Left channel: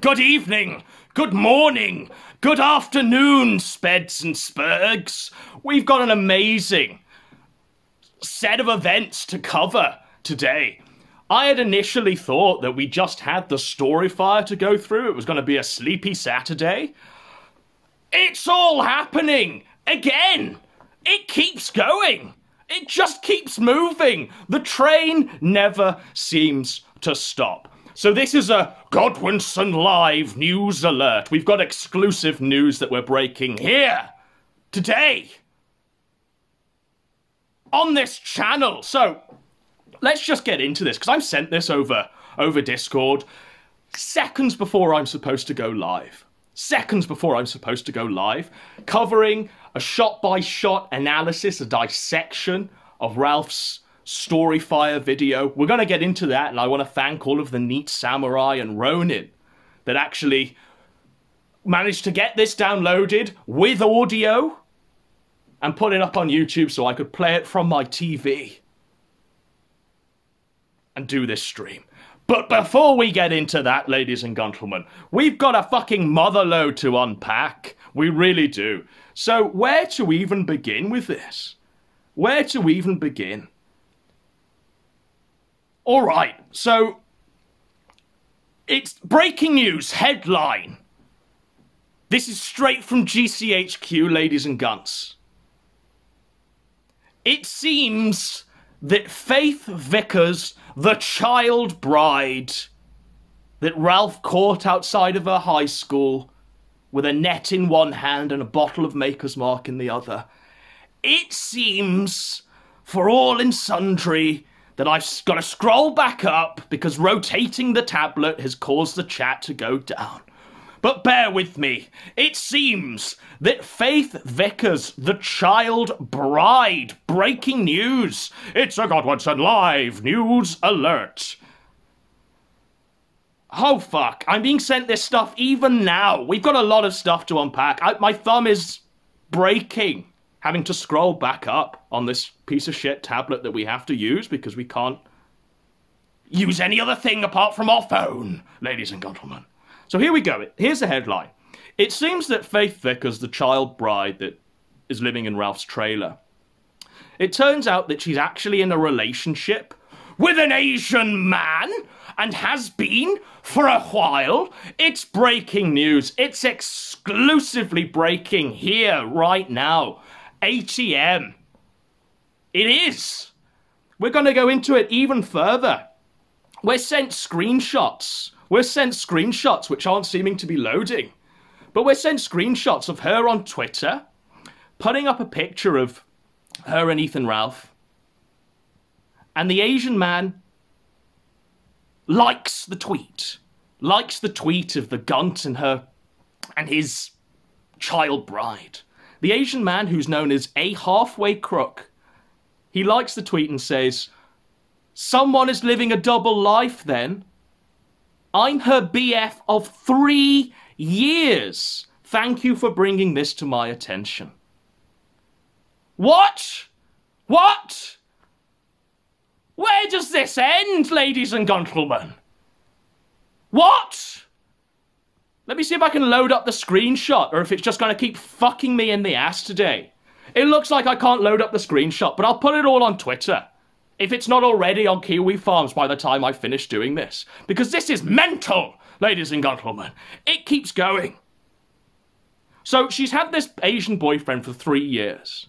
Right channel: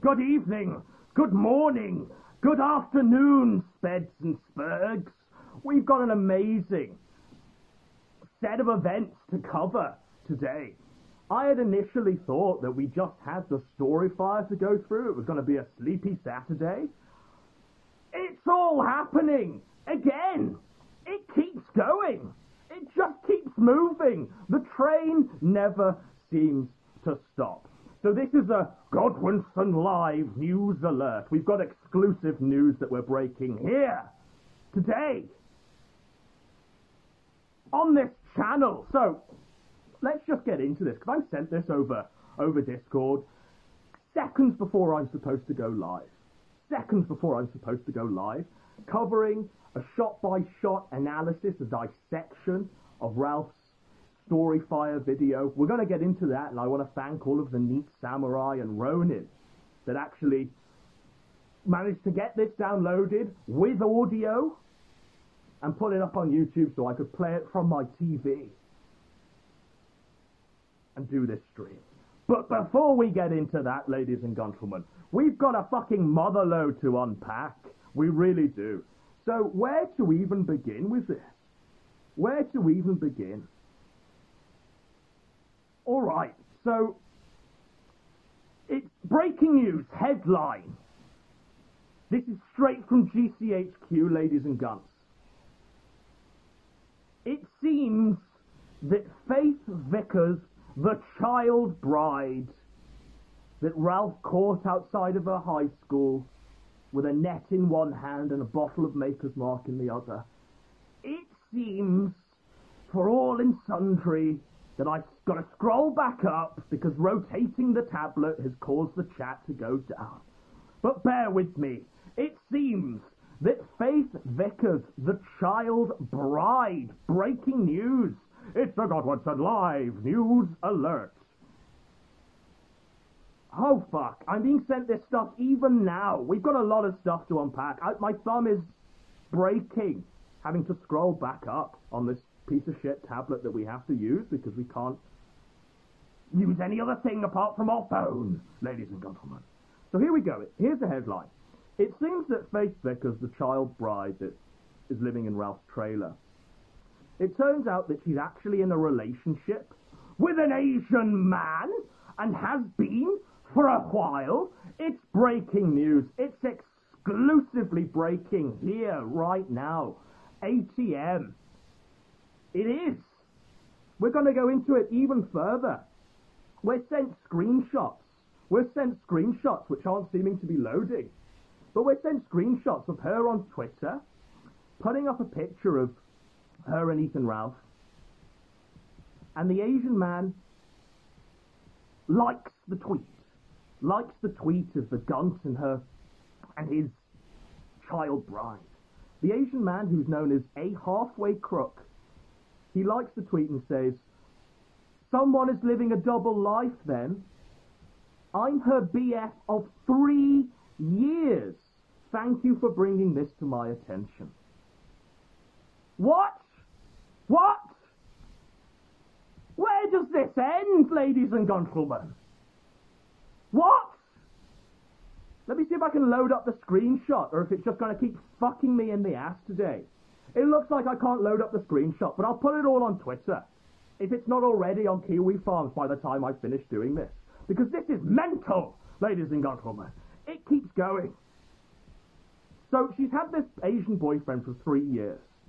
Good evening, good morning, good afternoon, Speds and Spurgs. We've got an amazing set of events to cover today. I had initially thought that we just had the Storyfire to go through. It was going to be a sleepy Saturday. It's all happening again. It keeps going. It just keeps moving. The train never seems to stop. So this is a Godwinson Live news alert. We've got exclusive news that we're breaking here today on this channel. So let's just get into this, because I've sent this over Discord seconds before I'm supposed to go live. Seconds before I'm supposed to go live, covering a shot-by-shot analysis, a dissection of Ralph's Storyfire video. We're going to get into that, and I want to thank all of the Neat Samurai and Ronin that actually managed to get this downloaded with audio and put it up on YouTube so I could play it from my TV and do this stream. But before we get into that, ladies and gentlemen, we've got a fucking motherload to unpack. We really do. So where to even begin with this? Where to even begin? All right, so it's breaking news headline. This is straight from GCHQ, ladies and gunts. It seems that Faith Vickers, the child bride that Ralph caught outside of her high school with a net in one hand and a bottle of Maker's Mark in the other, it seems, for all and sundry, that I've got to scroll back up because rotating the tablet has caused the chat to go down. But bear with me. It seems that Faith Vickers, the child bride, breaking news. It's a Godwinson Live news alert. Oh fuck, I'm being sent this stuff even now. We've got a lot of stuff to unpack. My thumb is breaking, having to scroll back up on this piece of shit tablet that we have to use because we can't use any other thing apart from our phone, ladies and gentlemen. So here we go. Here's the headline. It seems that Faith Vickers, the child bride that is living in Ralph's trailer, it turns out that she's actually in a relationship with an Asian man and has been for a while. It's breaking news. It's exclusively breaking here right now. ATM. It is. We're going to go into it even further. We're sent screenshots. We're sent screenshots which aren't seeming to be loading. But we're sent screenshots of her on Twitter, putting up a picture of her and Ethan Ralph. And the Asian man likes the tweet. Likes the tweet of the Gunt and her and his child bride. The Asian man, who's known as a halfway crook, he likes the tweet and says, "Someone is living a double life then. I'm her BF of 3 years. Thank you for bringing this to my attention." What? What? Where does this end, ladies and gentlemen? What? Let me see if I can load up the screenshot, or if it's just going to keep fucking me in the ass today. It looks like I can't load up the screenshot, but I'll put it all on Twitter. If it's not already on Kiwi Farms by the time I finish doing this. Because this is mental, ladies and gentlemen. It keeps going. So she's had this Asian boyfriend for 3 years.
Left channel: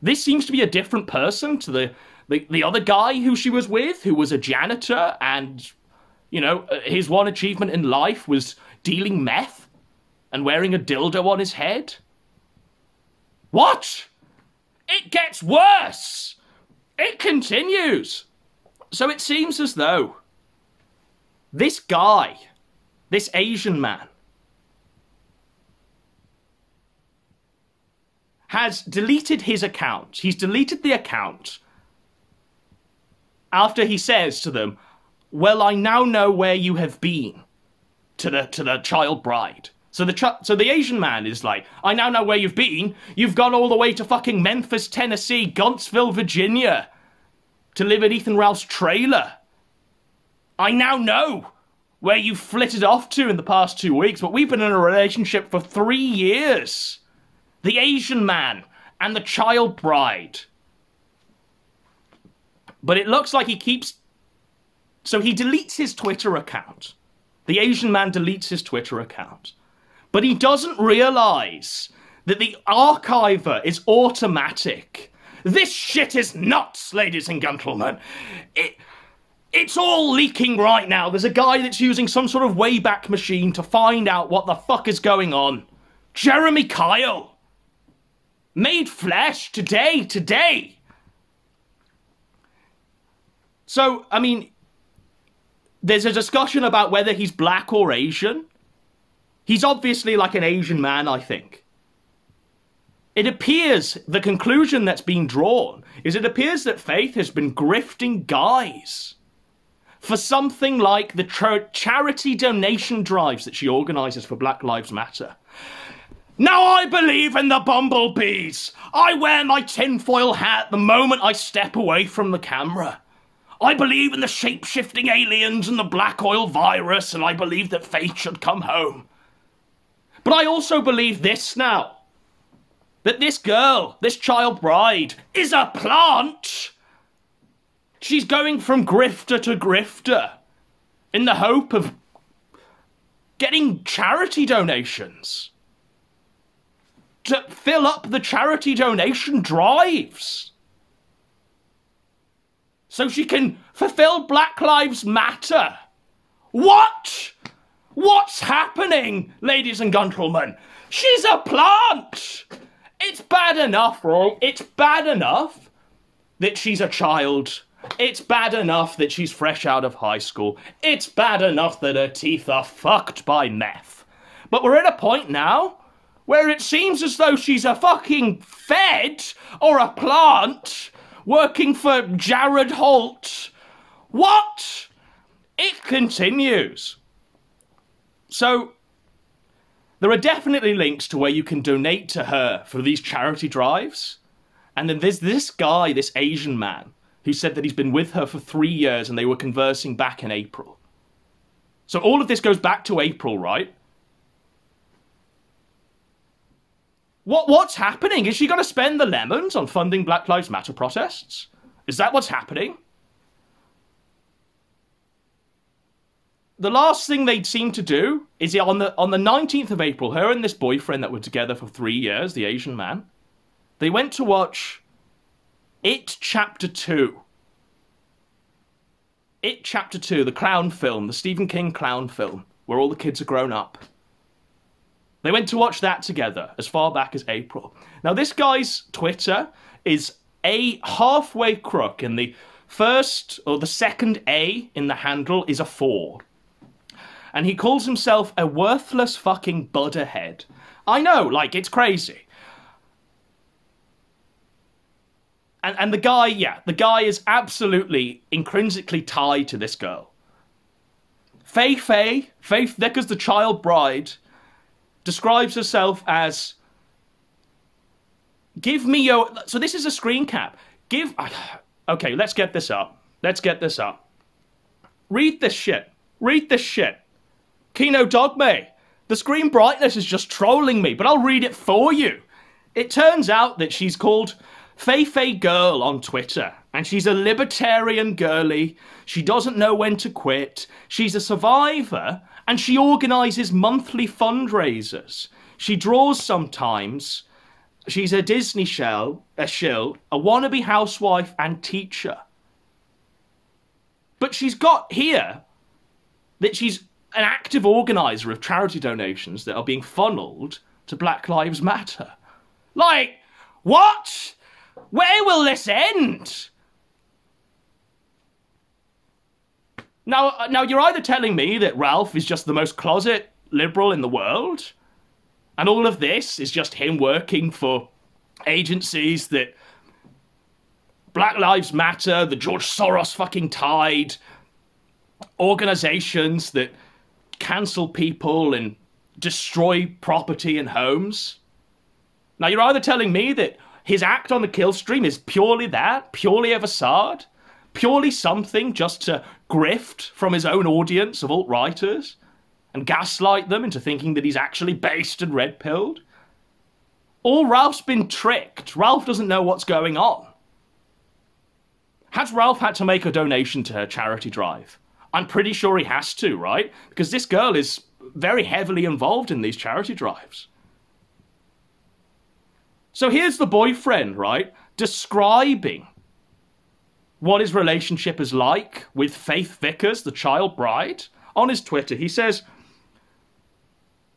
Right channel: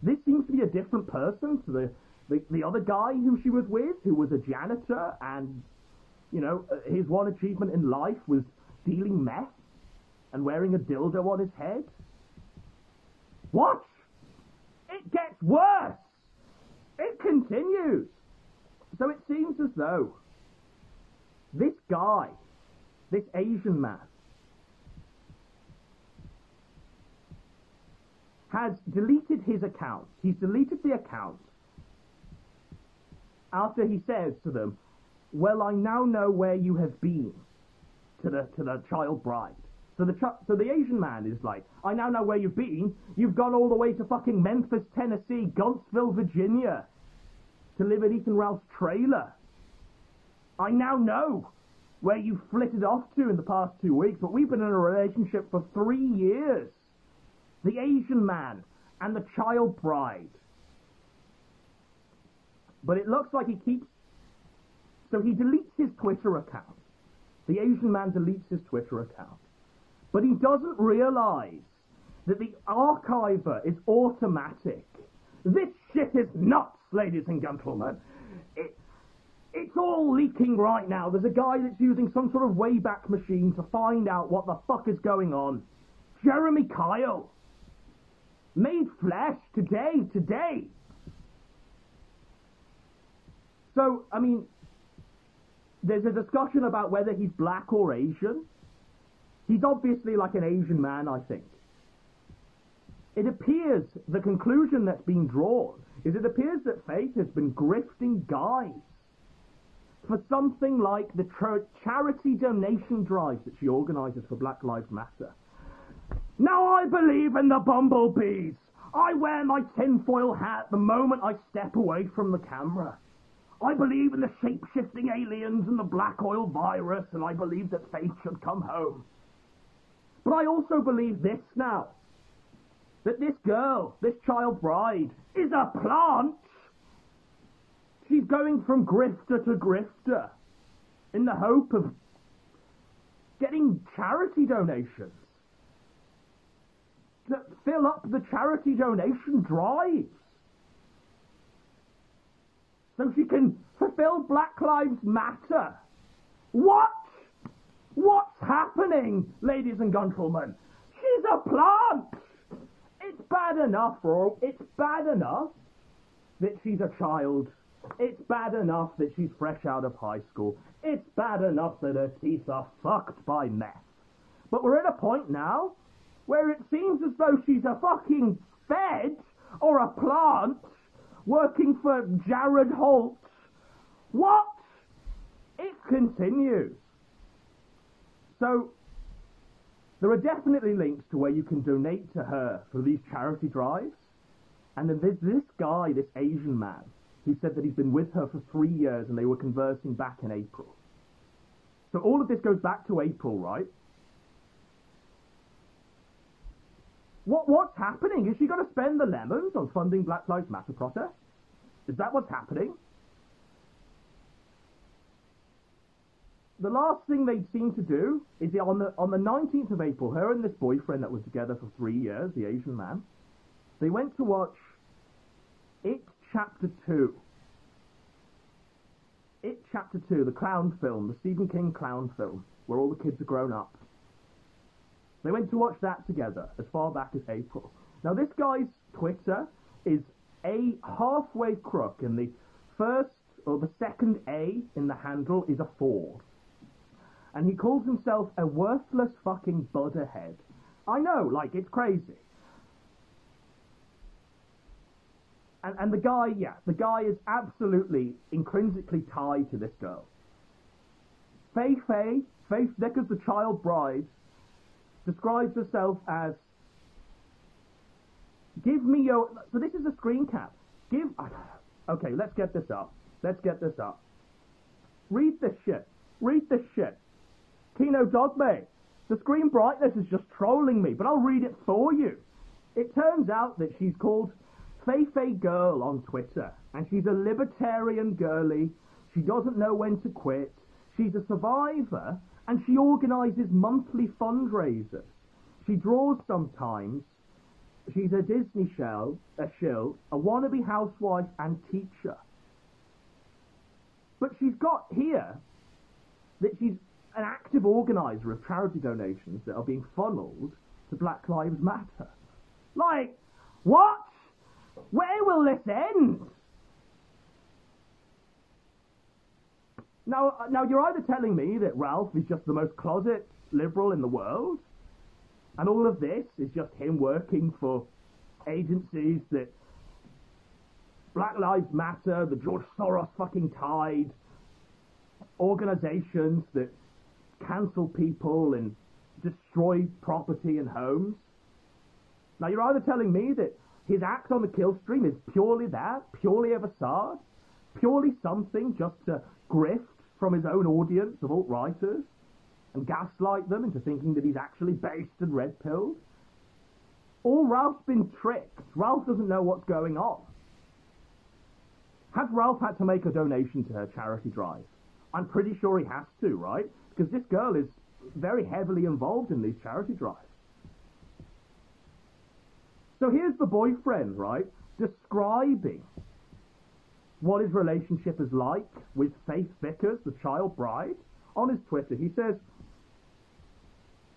This seems to be a different person to the other guy who she was with, who was a janitor, and, you know, his one achievement in life was dealing meth and wearing a dildo on his head. What? It gets worse. It continues. So it seems as though this guy, this Asian man, has deleted his account. He's deleted the account after he says to them, "Well, I now know where you have been," to the child bride. So the Asian man is like, "I now know where you've been. You've gone all the way to fucking Memphis, Tennessee, Guntsville, Virginia, to live at Ethan Ralph's trailer. I now know where you flitted off to in the past 2 weeks, but we've been in a relationship for 3 years. The Asian man and the child bride. But it looks like he keeps... So he deletes his Twitter account. The Asian man deletes his Twitter account. But he doesn't realize that the archiver is automatic. This shit is nuts, ladies and gentlemen. It's all leaking right now. There's a guy that's using some sort of Wayback Machine to find out what the fuck is going on. Jeremy Kyle. Made flesh today. So, I mean, there's a discussion about whether he's black or Asian. He's obviously like an Asian man, I think. It appears, the conclusion that's been drawn is it appears that Faith has been grifting guys for something like the charity donation drives that she organises for Black Lives Matter. Now I believe in the bumblebees. I wear my tinfoil hat the moment I step away from the camera. I believe in the shape-shifting aliens and the black oil virus, and I believe that Faith should come home. But I also believe this now. That this girl, this child bride, is a plant. She's going from grifter to grifter in the hope of getting charity donations to fill up the charity donation drives so she can fulfill Black Lives Matter. What? What's happening, ladies and gentlemen? She's a plant. It's bad enough, right? It's bad enough that she's a child. It's bad enough that she's fresh out of high school. It's bad enough that her teeth are fucked by meth. But we're at a point now where it seems as though she's a fucking fed or a plant working for Jared Holt. What? It continues. So, there are definitely links to where you can donate to her for these charity drives. And then there's this guy, this Asian man, who said that he's been with her for 3 years and they were conversing back in April. So all of this goes back to April, right? What's happening? Is she going to spend the lemons on funding Black Lives Matter protests? Is that what's happening? The last thing they'd seem to do is on the 19th of April, her and this boyfriend that were together for 3 years, the Asian man, they went to watch It Chapter 2. It Chapter 2, the clown film, the Stephen King clown film, where all the kids are grown up. They went to watch that together as far back as April. Now, this guy's Twitter is a halfway crook, and the first or the second A in the handle is a 4. And he calls himself a worthless fucking budderhead. I know, like, it's crazy. And the guy, yeah, the guy is absolutely intrinsically tied to this girl. Faith Vickers, the child bride, describes herself as, give me your... So this is a screen cap. Okay, let's get this up. Read this shit. Kino Dogme. The screen brightness is just trolling me, but I'll read it for you. It turns out that she's called Faye Girl on Twitter, and she's a libertarian girly. She doesn't know when to quit. She's a survivor, and she organises monthly fundraisers. She draws sometimes. She's a Disney shill, a wannabe housewife and teacher. But she's got here that she's an active organiser of charity donations that are being funneled to Black Lives Matter. Like, what? Where will this end? Now, you're either telling me that Ralph is just the most closet liberal in the world, and all of this is just him working for agencies that Black Lives Matter, the George Soros fucking tide, organizations that cancel people and destroy property and homes. Now, you're either telling me that his act on the kill stream is purely that, purely a facade, purely something just to grift from his own audience of alt-writers and gaslight them into thinking that he's actually based and red-pilled. Or Ralph's been tricked. Ralph doesn't know what's going on. Has Ralph had to make a donation to her charity drive? I'm pretty sure he has to, right? Because this girl is very heavily involved in these charity drives. So here's the boyfriend, right, describing what his relationship is like with Faith Vickers, the child bride, on his Twitter. He says,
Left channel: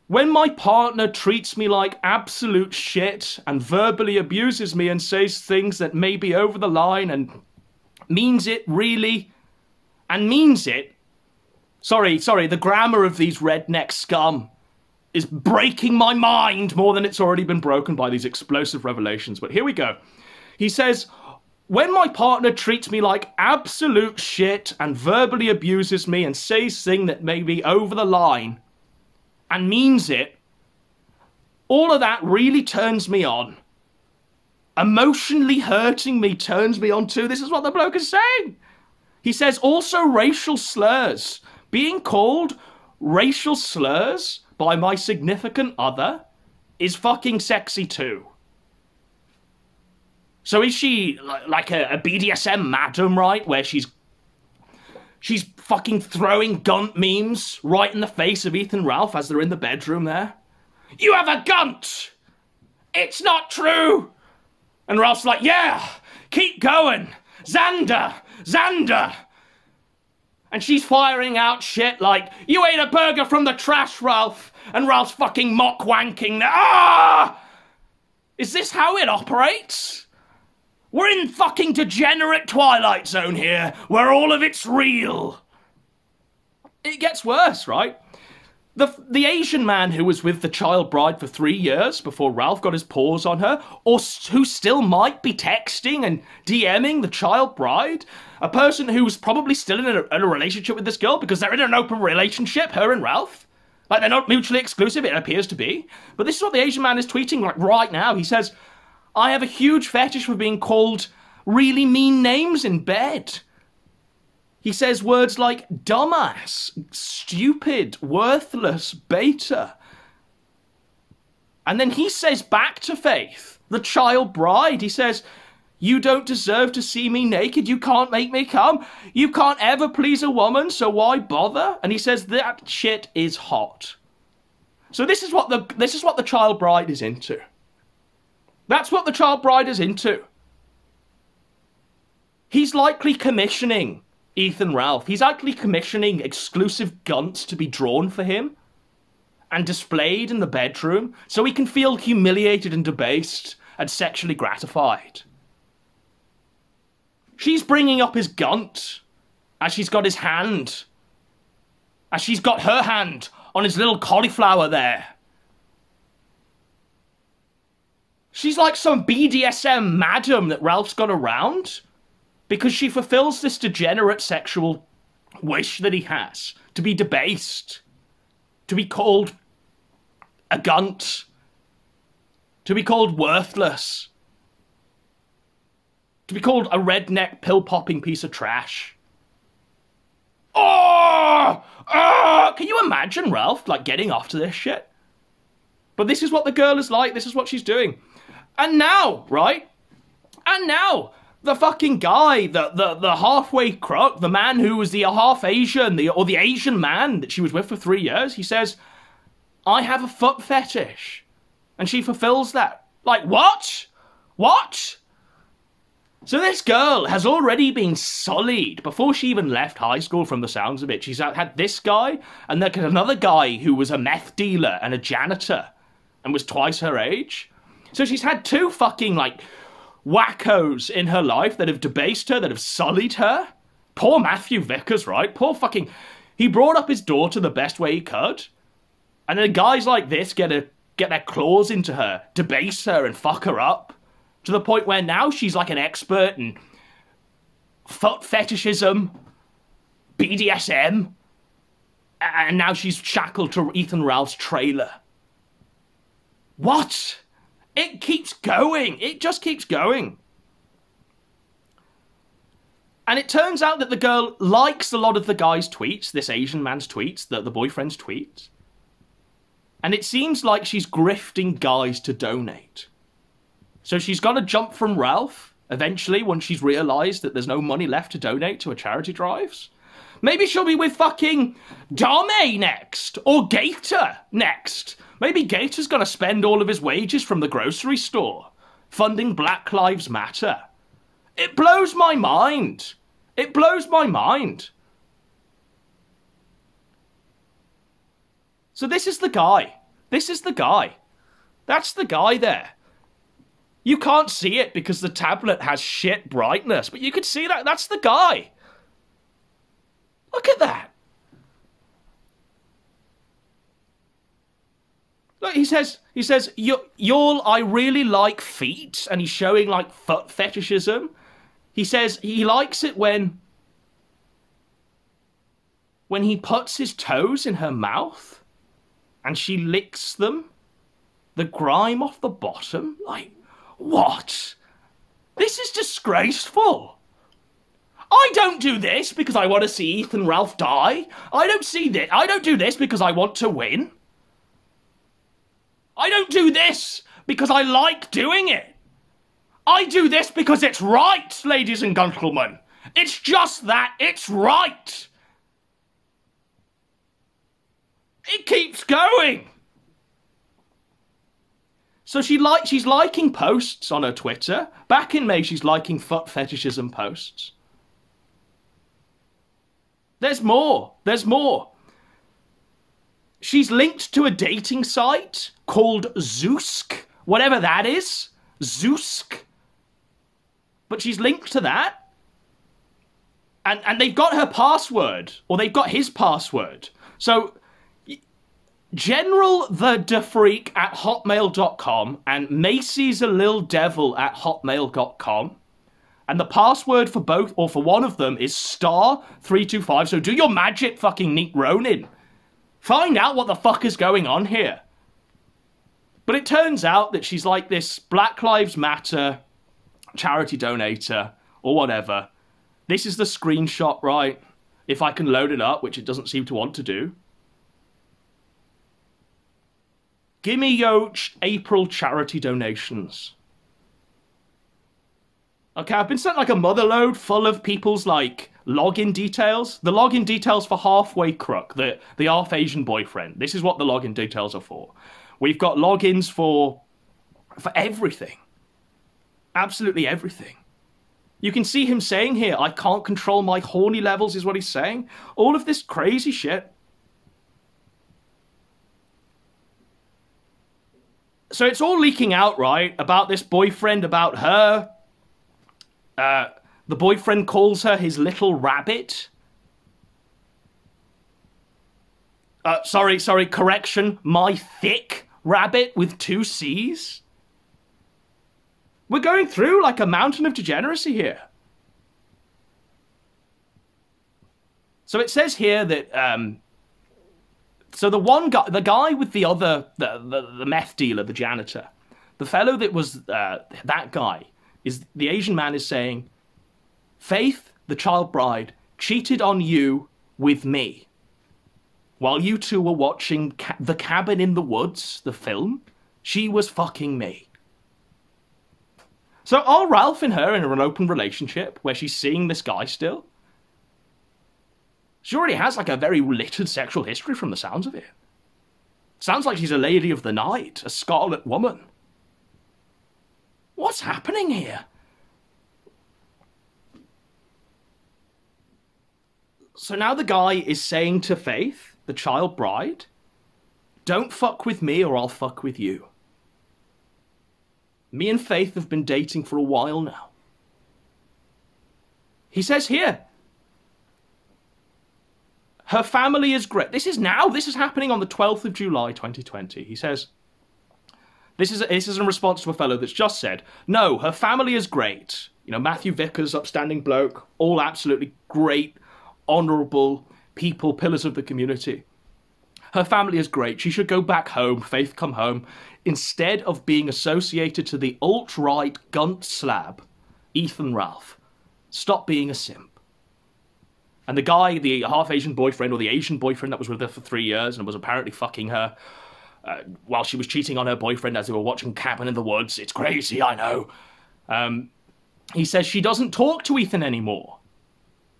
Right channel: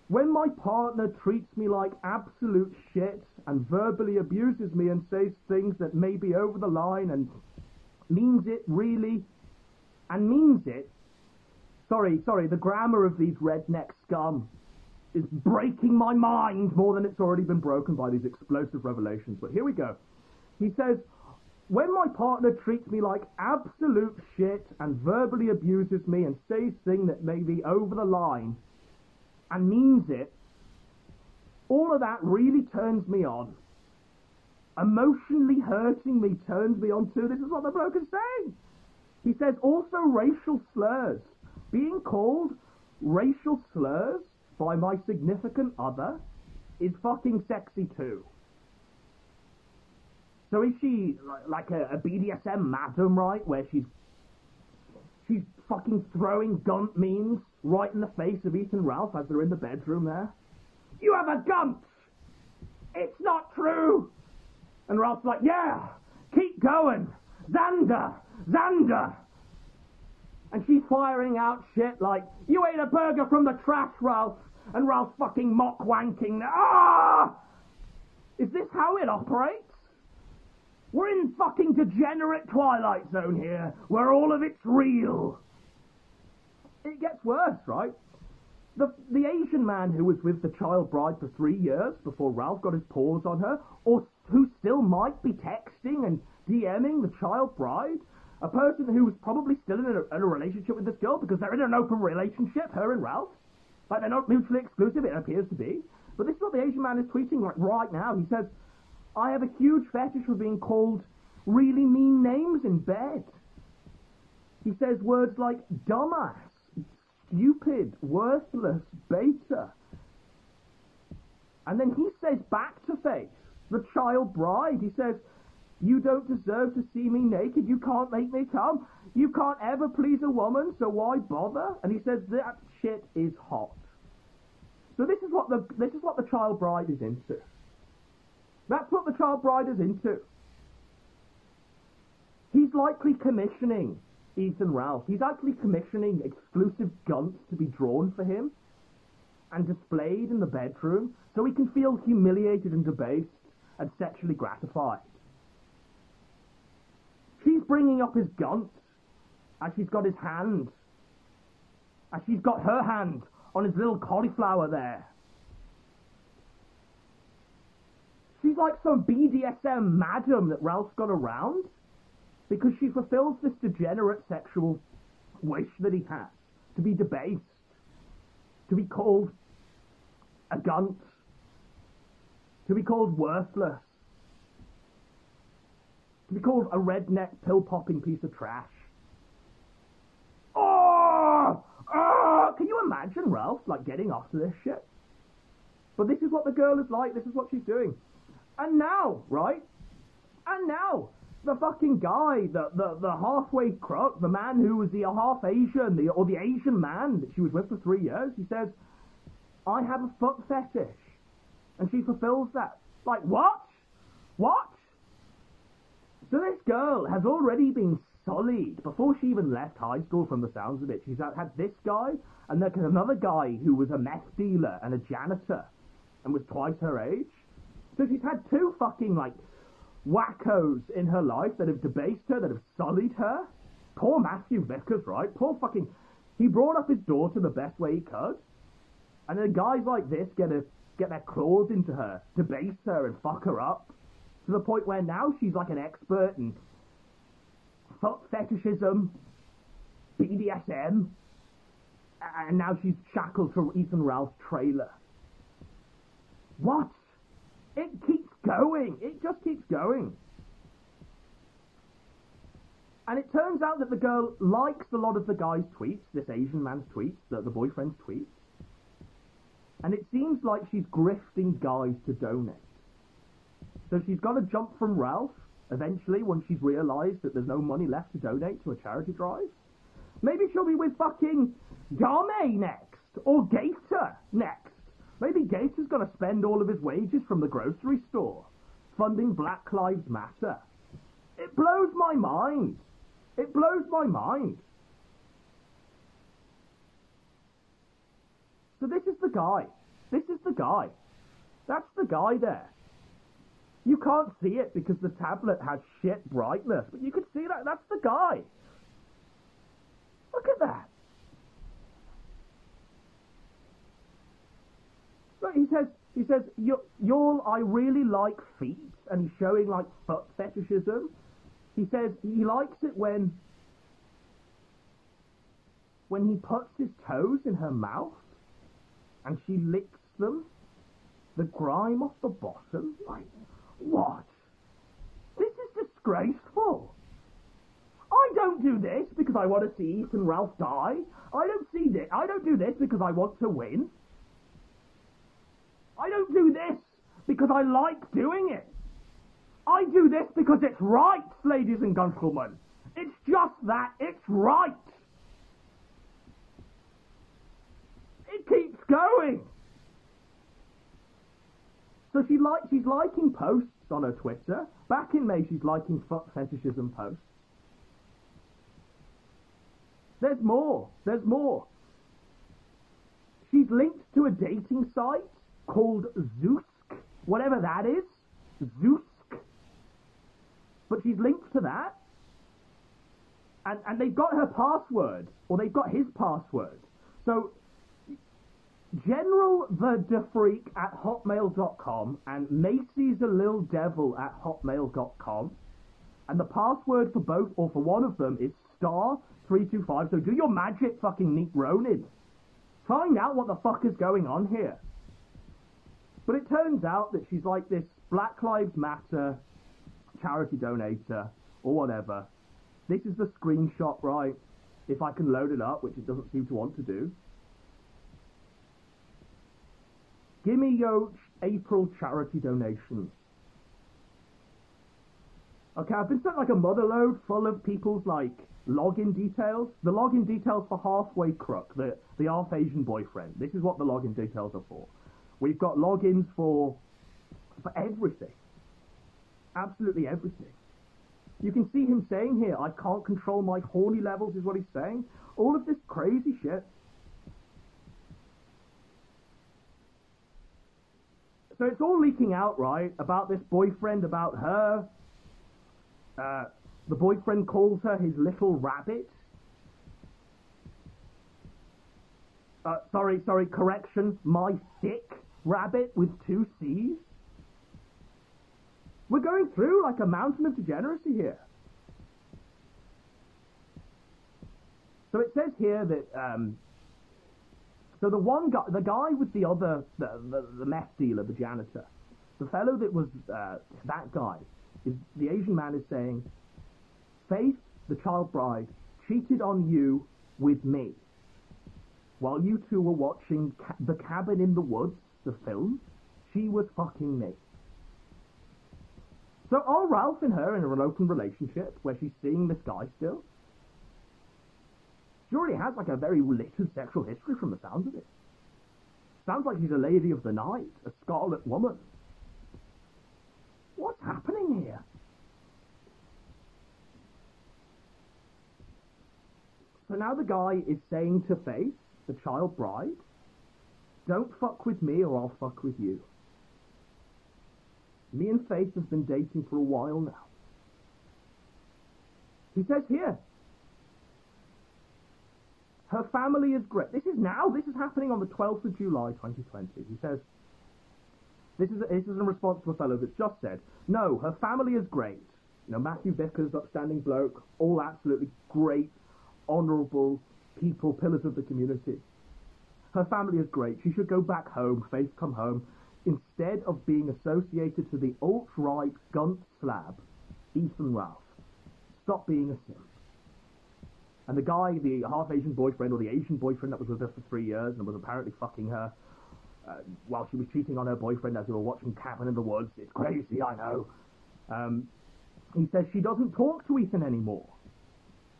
"When my partner treats me like absolute shit and verbally abuses me and says things that may be over the line and means it really, and means it, sorry, the grammar of these redneck scum is breaking my mind more than it's already been broken by these explosive revelations." But here we go. He says, "When my partner treats me like absolute shit and verbally abuses me and says things that may be over the line and means it, all of that really turns me on. Emotionally hurting me turns me on too." This is what the bloke is saying. He says, also racial slurs. Being called racial slurs by my significant other is fucking sexy too. So is she like a BDSM madam, right? Where she's fucking throwing gunt memes right in the face of Ethan Ralph as they're in the bedroom there. "You have a gunt! It's not true!" And Ralph's like, "Yeah, keep going! Xander! Xander!" And she's firing out shit like, "You ate a burger from the trash, Ralph!" And Ralph's fucking mock wanking. Ah! Is this how it operates? We're in fucking degenerate Twilight Zone here, where all of it's real. It gets worse, right? The Asian man who was with the child bride for 3 years before Ralph got his paws on her, or who still might be texting and DMing the child bride, a person who's probably still in a relationship with this girl because they're in an open relationship, her and Ralph. Like, they're not mutually exclusive, it appears to be. But this is what the Asian man is tweeting like right now. He says, "I have a huge fetish for being called really mean names in bed." He says words like dumbass, stupid, worthless, beta. And then he says back to Faith, the child bride, he says, "You don't deserve to see me naked. You can't make me come. You can't ever please a woman, so why bother?" And he says that shit is hot. So this is what the child bride is into. That's what the child bride is into. He's likely commissioning Ethan Ralph. He's likely commissioning exclusive gunts to be drawn for him and displayed in the bedroom so he can feel humiliated and debased and sexually gratified. She's bringing up his gunt as she's got his hand, as she's got her hand on his little cauliflower there. She's like some BDSM madam that Ralph's got around because she fulfills this degenerate sexual wish that he has to be debased, to be called a gunt, to be called worthless, to be called a redneck pill-popping piece of trash. Oh! Can you imagine Ralph, like, getting after this shit? But this is what the girl is like. This is what she's doing. And now, right? And now, the fucking guy, the halfway crook, the man who was the half Asian, or the Asian man that she was with for 3 years, he says, "I have a foot fetish." And she fulfills that. Like, what? What? So this girl has already been sullied before she even left high school, from the sounds of it. She's had this guy, and then another guy who was a meth dealer and a janitor and was twice her age. So she's had two fucking, like, wackos in her life that have debased her, that have sullied her. Poor Matthew Vickers, right? Poor fucking... He brought up his daughter the best way he could. And then guys like this get their claws into her, debase her and fuck her up. To the point where now she's like an expert in foot fetishism, BDSM, and now she's shackled to Ethan Ralph's trailer. What? It keeps going. It just keeps going. And it turns out that the girl likes a lot of the guy's tweets, this Asian man's tweets, the boyfriend's tweets. And it seems like she's grifting guys to donate. So she's got to jump from Ralph, eventually, when she's realised that there's no money left to donate to her charity drives. Maybe she'll be with fucking Dame next, or Gator next. Maybe Gator's gonna spend all of his wages from the grocery store, funding Black Lives Matter. It blows my mind. It blows my mind. So this is the guy. This is the guy. That's the guy there. You can't see it because the tablet has shit brightness, but you can see that. That's the guy. Look at that. Look, he says, y'all, I really like feet, and he's showing like foot fetishism. He says he likes it when he puts his toes in her mouth and she licks them, the grime off the bottom. Like, what? This is disgraceful. I don't do this because I want to see Ethan Ralph die. I don't do this because I want to win. I don't do this because I like doing it. I do this because it's right, ladies and gentlemen. It's just that. It's right. It keeps going. So she's liking posts on her Twitter. Back in May, she's liking foot fetishism posts. There's more. There's more. She's linked to a dating site called Zoosk. Whatever that is. Zoosk. But she's linked to that. And they've got her password. Or they've got his password. So General the DeFreak at hotmail.com and Macy's a Lil Devil at hotmail.com. And the password for both, or for one of them, is *325. So do your magic, fucking Nick Ronin. Find out what the fuck is going on here. But it turns out that she's like this Black Lives Matter charity donator, or whatever. This is the screenshot, right? If I can load it up, which it doesn't seem to want to do. Gimme Yoch April charity donations. Okay, I've been sent like a mother load full of people's like login details. The login details for Halfway Crook, the half Asian boyfriend. This is what the login details are for. We've got logins for everything. Absolutely everything. You can see him saying here, I can't control my horny levels is what he's saying. All of this crazy shit. So it's all leaking out, right? About this boyfriend, about her. The boyfriend calls her his little rabbit. Sorry, correction. My thick rabbit with 2 C's. We're going through like a mountain of degeneracy here. So it says here that, so the one guy, the guy with the other, the meth dealer, the janitor, the fellow that was, that guy, is the Asian man is saying, Faith, the child bride, cheated on you with me. While you two were watching The Cabin in the Woods, the film, she was fucking me. So are Ralph and her in an open relationship where she's seeing this guy still? She already has like a very littered sexual history from the sounds of it. Sounds like she's a lady of the night, a scarlet woman. What's happening here? So now the guy is saying to Faith, the child bride, don't fuck with me or I'll fuck with you. Me and Faith have been dating for a while now. He says here, her family is great. This is happening on the 12th of July, 2020. He says, this is in response to a fellow that's just said, no, her family is great. You know, Matthew Vickers, upstanding bloke, all absolutely great, honourable people, pillars of the community. Her family is great. She should go back home, Faith come home, instead of being associated to the alt-right gunt slab, Ethan Ralph. Stop being a simp. And the guy, the half-Asian boyfriend, or the Asian boyfriend that was with her for 3 years and was apparently fucking her while she was cheating on her boyfriend as they were watching Cabin in the Woods. It's crazy, I know. He says she doesn't talk to Ethan anymore.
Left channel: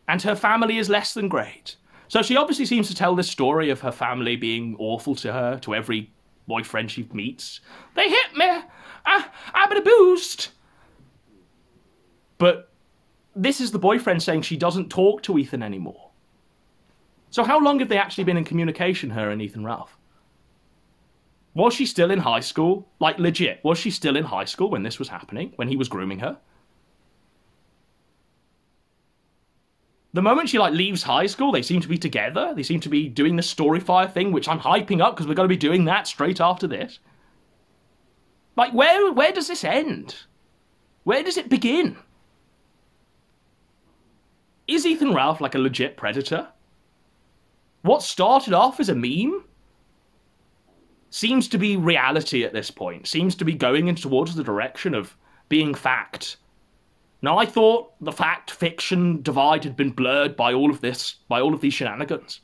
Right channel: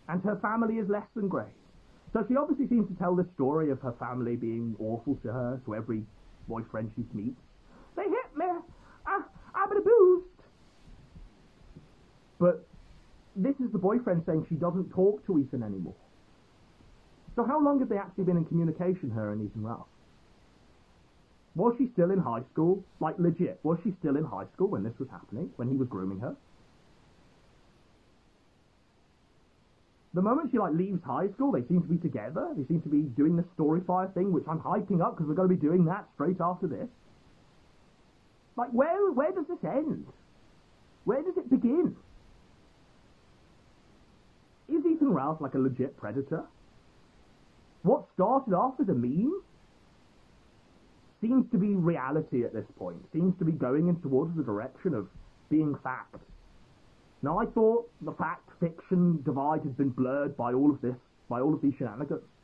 And her family is less than great. So she obviously seems to tell this story of her family being awful to her, to every boyfriend she meets. They hit me. I'm in a boost. But this is the boyfriend saying she doesn't talk to Ethan anymore. So how long have they actually been in communication, her and Ethan Ralph? Was she still in high school? Like, legit, was she still in high school when this was happening? When he was grooming her? The moment she, like, leaves high school, they seem to be together. They seem to be doing the Storyfire thing, which I'm hyping up because we're going to be doing that straight after this. Like, where does this end? Where does it begin? Is Ethan Ralph like a legit predator? What started off as a meme seems to be reality at this point. Seems to be going in towards the direction of being fact. Now, I thought the fact-fiction divide had been blurred by all of this, by all of these shenanigans.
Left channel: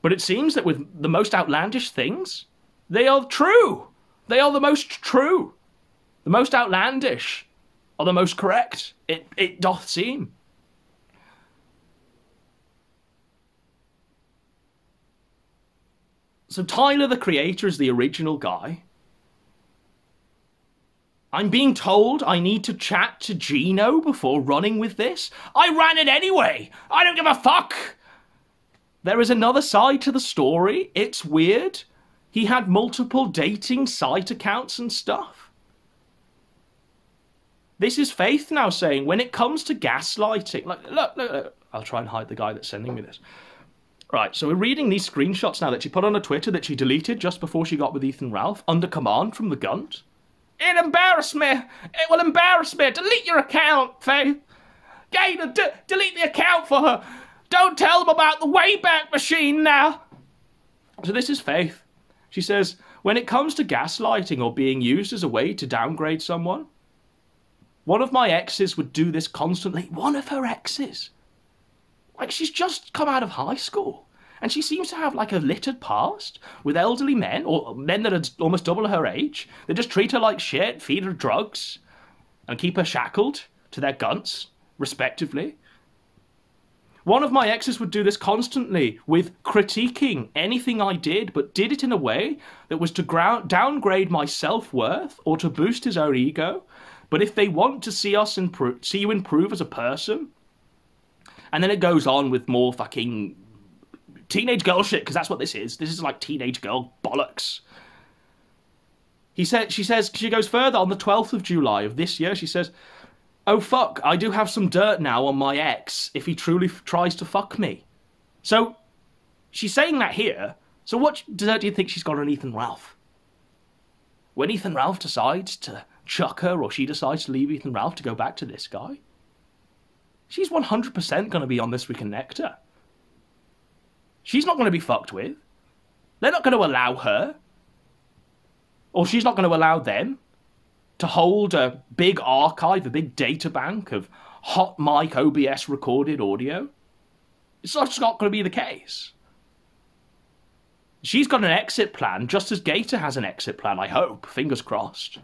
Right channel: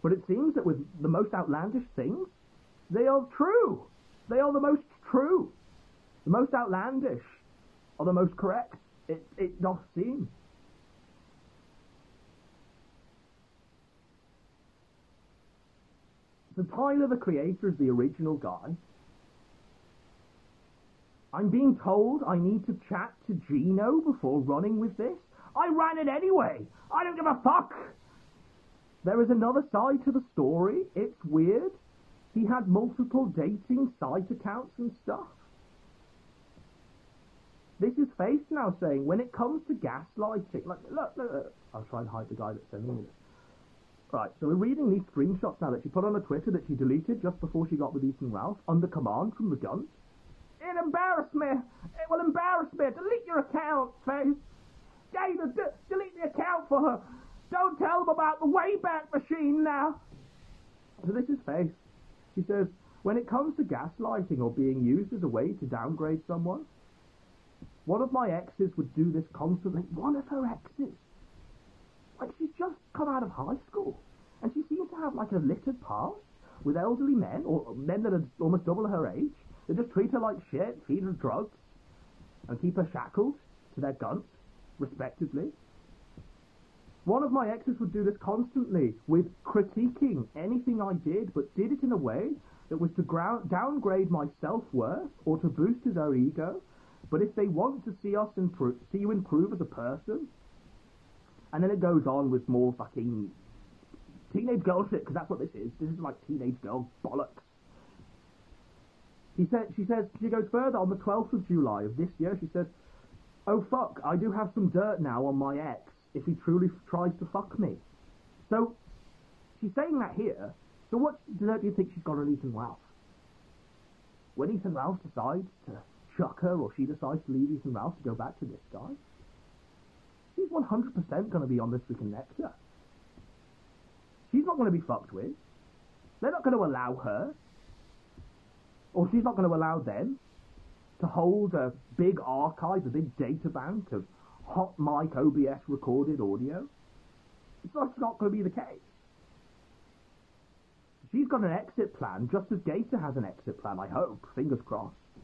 But it seems that with the most outlandish things, they are true. They are the most true. The most outlandish are the most correct. It doth seem. So Tyler, the creator, is the original guy. I'm being told I need to chat to Gino before running with this. I ran it anyway. I don't give a fuck. There is another side to the story. It's weird. He had multiple dating site accounts and stuff. This is Faith now saying, when it comes to gaslighting... Look. I'll try and hide the guy that's sending me this. Right, so we're reading these screenshots now that she put on her Twitter that she deleted just before she got with Ethan Ralph, under command from the Gunt. It embarrassed me. It will embarrass me. Delete your account, Faith. Gator, delete the account for her. Don't tell them about the Wayback Machine now. So this is Faith. She says, when it comes to gaslighting or being used as a way to downgrade someone, one of my exes would do this constantly. One of her exes. Like, she's just come out of high school. And she seems to have, like, a littered past with elderly men, or men that are almost double her age. They just treat her like shit, feed her drugs, and keep her shackled to their gunts, respectively. One of my exes would do this constantly with critiquing anything I did, but did it in a way that was to downgrade my self-worth or to boost his own ego. But if they want to see us see you improve as a person... And then it goes on with more fucking teenage girl shit, because that's what this is. This is like teenage girl bollocks. She goes further on the 12th of July of this year. She says, oh fuck, I do have some dirt now on my ex if he truly tries to fuck me. So she's saying that here. So what dirt do you think she's got on Ethan Ralph? When Ethan Ralph decides to chuck her, or she decides to leave Ethan Ralph to go back to this guy, she's 100% going to be on This Week in Nectar. She's not going to be fucked with. They're not going to allow her, or she's not going to allow them, to hold a big archive, a big data bank of hot mic OBS recorded audio. It's just not going to be the case. She's got an exit plan, just as Gator has an exit plan, I hope. Fingers crossed.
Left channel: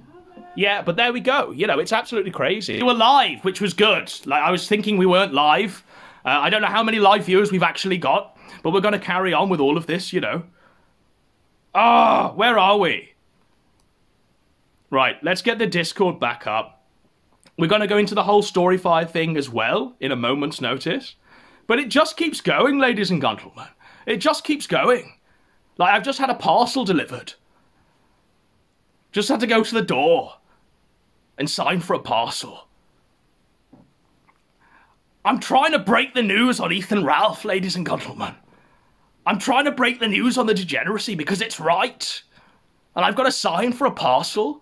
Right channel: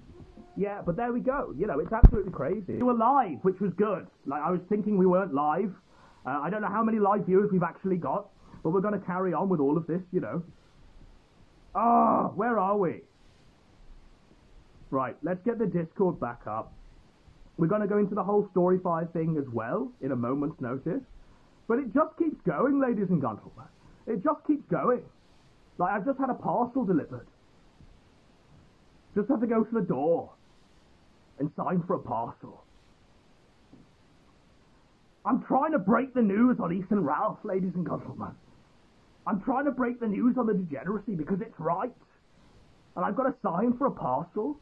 Yeah, but there we go. You know, it's absolutely crazy. We were live, which was good. Like, I was thinking we weren't live. I don't know how many live viewers we've actually got, but we're going to carry on with all of this, you know. Ah, where are we? Right, let's get the Discord back up. We're going to go into the whole Storyfire thing as well, in a moment's notice. But it just keeps going, ladies and gentlemen. It just keeps going. Like, I've just had a parcel delivered. Just had to go to the door and sign for a parcel. I'm trying to break the news on Ethan Ralph, ladies and gentlemen. I'm trying to break the news on the degeneracy because it's right. And I've got to sign for a parcel.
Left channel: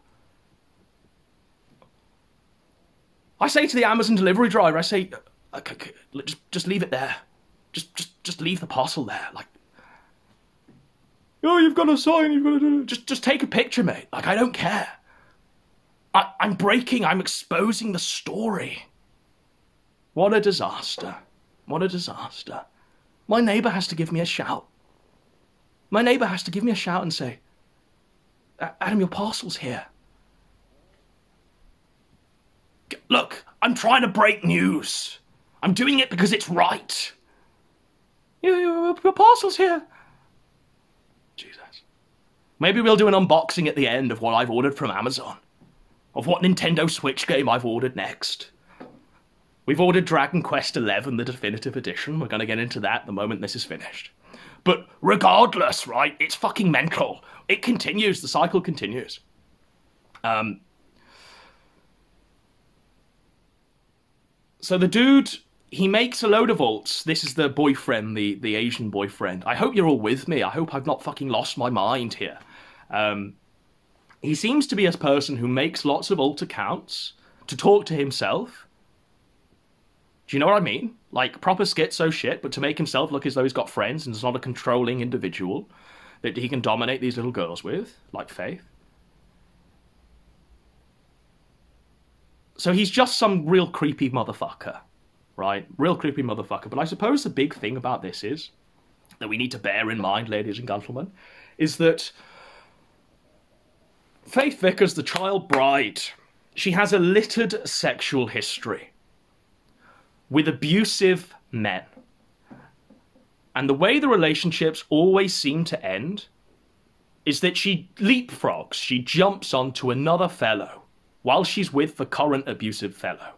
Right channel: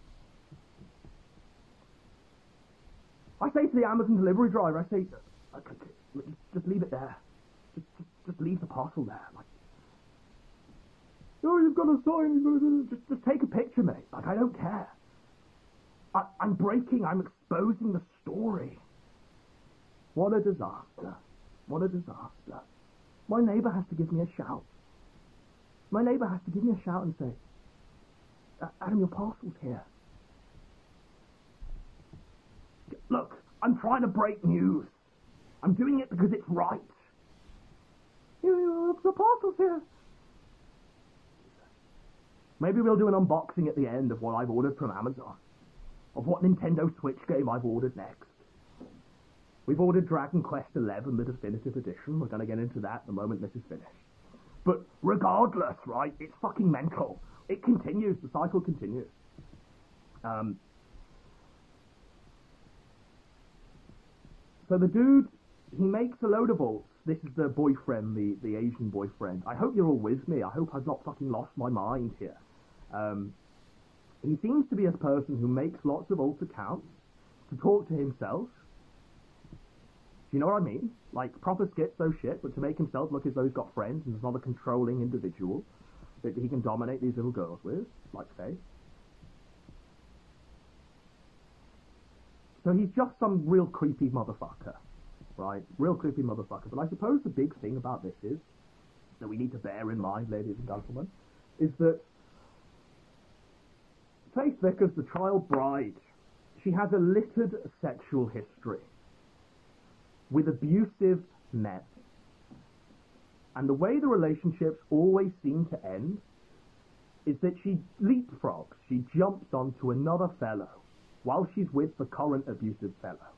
I say to the Amazon delivery driver, I say, just leave it there. Just leave the parcel there. Like, oh, you've got to sign, you've got to do it. Just take a picture, mate. Like, I don't care. I'm exposing the story. What a disaster. What a disaster. My neighbour has to give me a shout. My neighbour has to give me a shout and say, Adam, your parcel's here. Look, I'm trying to break news. I'm doing it because it's right. Your parcel's here. Jesus. Maybe we'll do an unboxing at the end of what I've ordered from Amazon. Of what Nintendo Switch game I've ordered next. We've ordered Dragon Quest XI, the definitive edition. We're going to get into that the moment this is finished. But regardless, right, it's fucking mental. It continues. The cycle continues. So the dude, he makes a load of alts. This is the boyfriend, the Asian boyfriend. I hope you're all with me. I hope I've not fucking lost my mind here. He seems to be a person who makes lots of alt accounts to talk to himself. Do you know what I mean? Like, proper schizo shit, but to make himself look as though he's got friends and is not a controlling individual that he can dominate these little girls with, like Faith. So he's just some real creepy motherfucker, right? Real creepy motherfucker. But I suppose the big thing about this is, that we need to bear in mind, ladies and gentlemen, is that Faith Vickers, the child bride, she has a littered sexual history with abusive men. And the way the relationships always seem to end is that she leapfrogs, she jumps onto another fellow while she's with the current abusive fellow.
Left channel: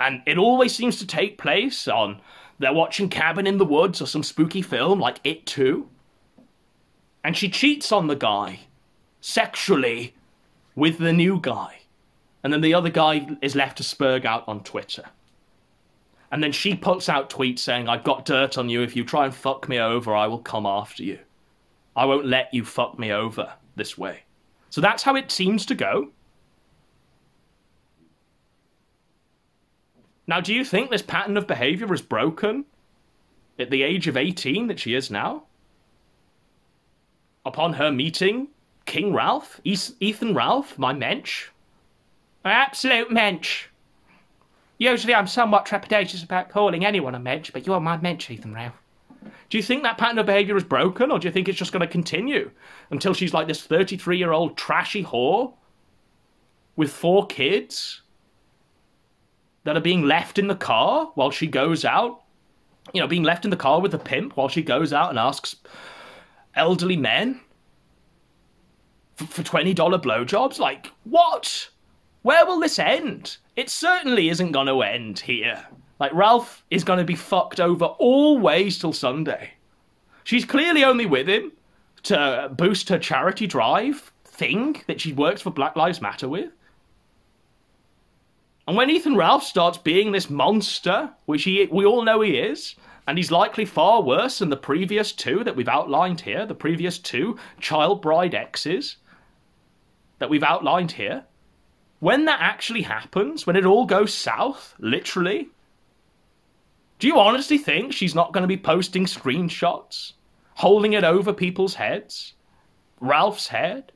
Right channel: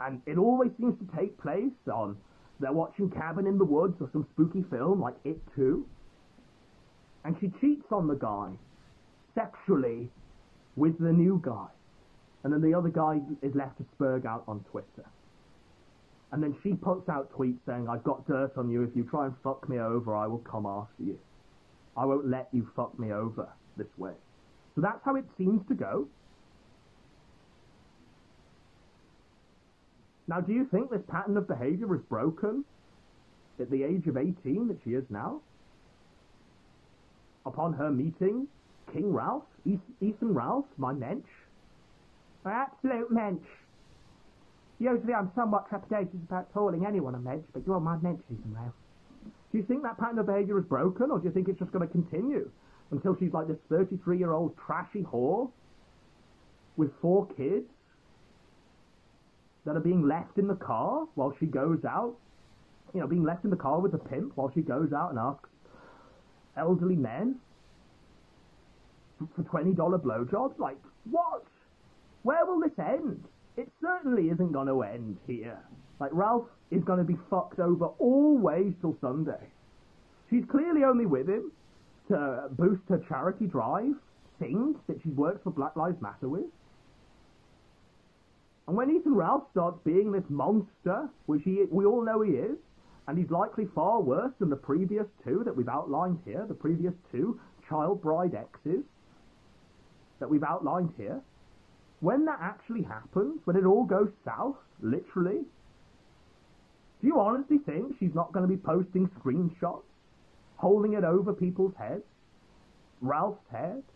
And it always seems to take place on, they're watching Cabin in the Woods or some spooky film like It Too. And she cheats on the guy sexually with the new guy. And then the other guy is left to spurg out on Twitter. And then she puts out tweets saying, I've got dirt on you. If you try and fuck me over, I will come after you. I won't let you fuck me over this way. So that's how it seems to go. Now, do you think this pattern of behavior is broken at the age of 18 that she is now? Upon her meeting King Ralph, Ethan Ralph, my mensch. An absolute mensch. Usually I'm somewhat trepidatious about calling anyone a mensch, but you're my mensch, Ethan Ralph. Do you think that pattern of behaviour is broken, or do you think it's just going to continue until she's like this 33-year-old trashy whore with 4 kids that are being left in the car while she goes out? You know, being left in the car with a pimp while she goes out and asks elderly men for $20 blowjobs? Like, what? Where will this end? It certainly isn't going to end here. Like, Ralph is going to be fucked over always till Sunday. She's clearly only with him to boost her charity drive thing that she works for Black Lives Matter with. And when Ethan Ralph starts being this monster, which we all know he is, and he's likely far worse than the previous 2 that we've outlined here, the previous 2 child bride exes that we've outlined here, when that actually happens, when it all goes south, literally, do you honestly think she's not going to be posting screenshots, holding it over people's heads? Ralph's head?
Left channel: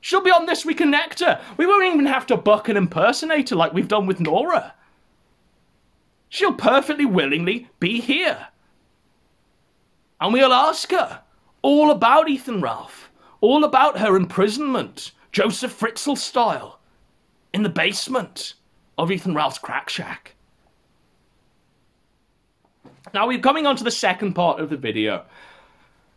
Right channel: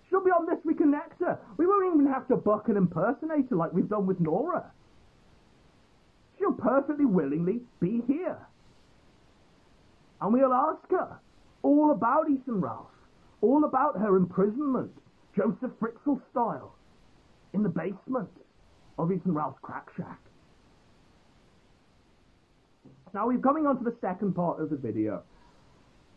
She'll be on This Week in Nectar. We won't even have to book an impersonator like we've done with Nora. She'll perfectly willingly be here. And we'll ask her all about Ethan Ralph, all about her imprisonment, Joseph Fritzl style, in the basement of Ethan Ralph's crack shack. Now, we're coming on to the second part of the video.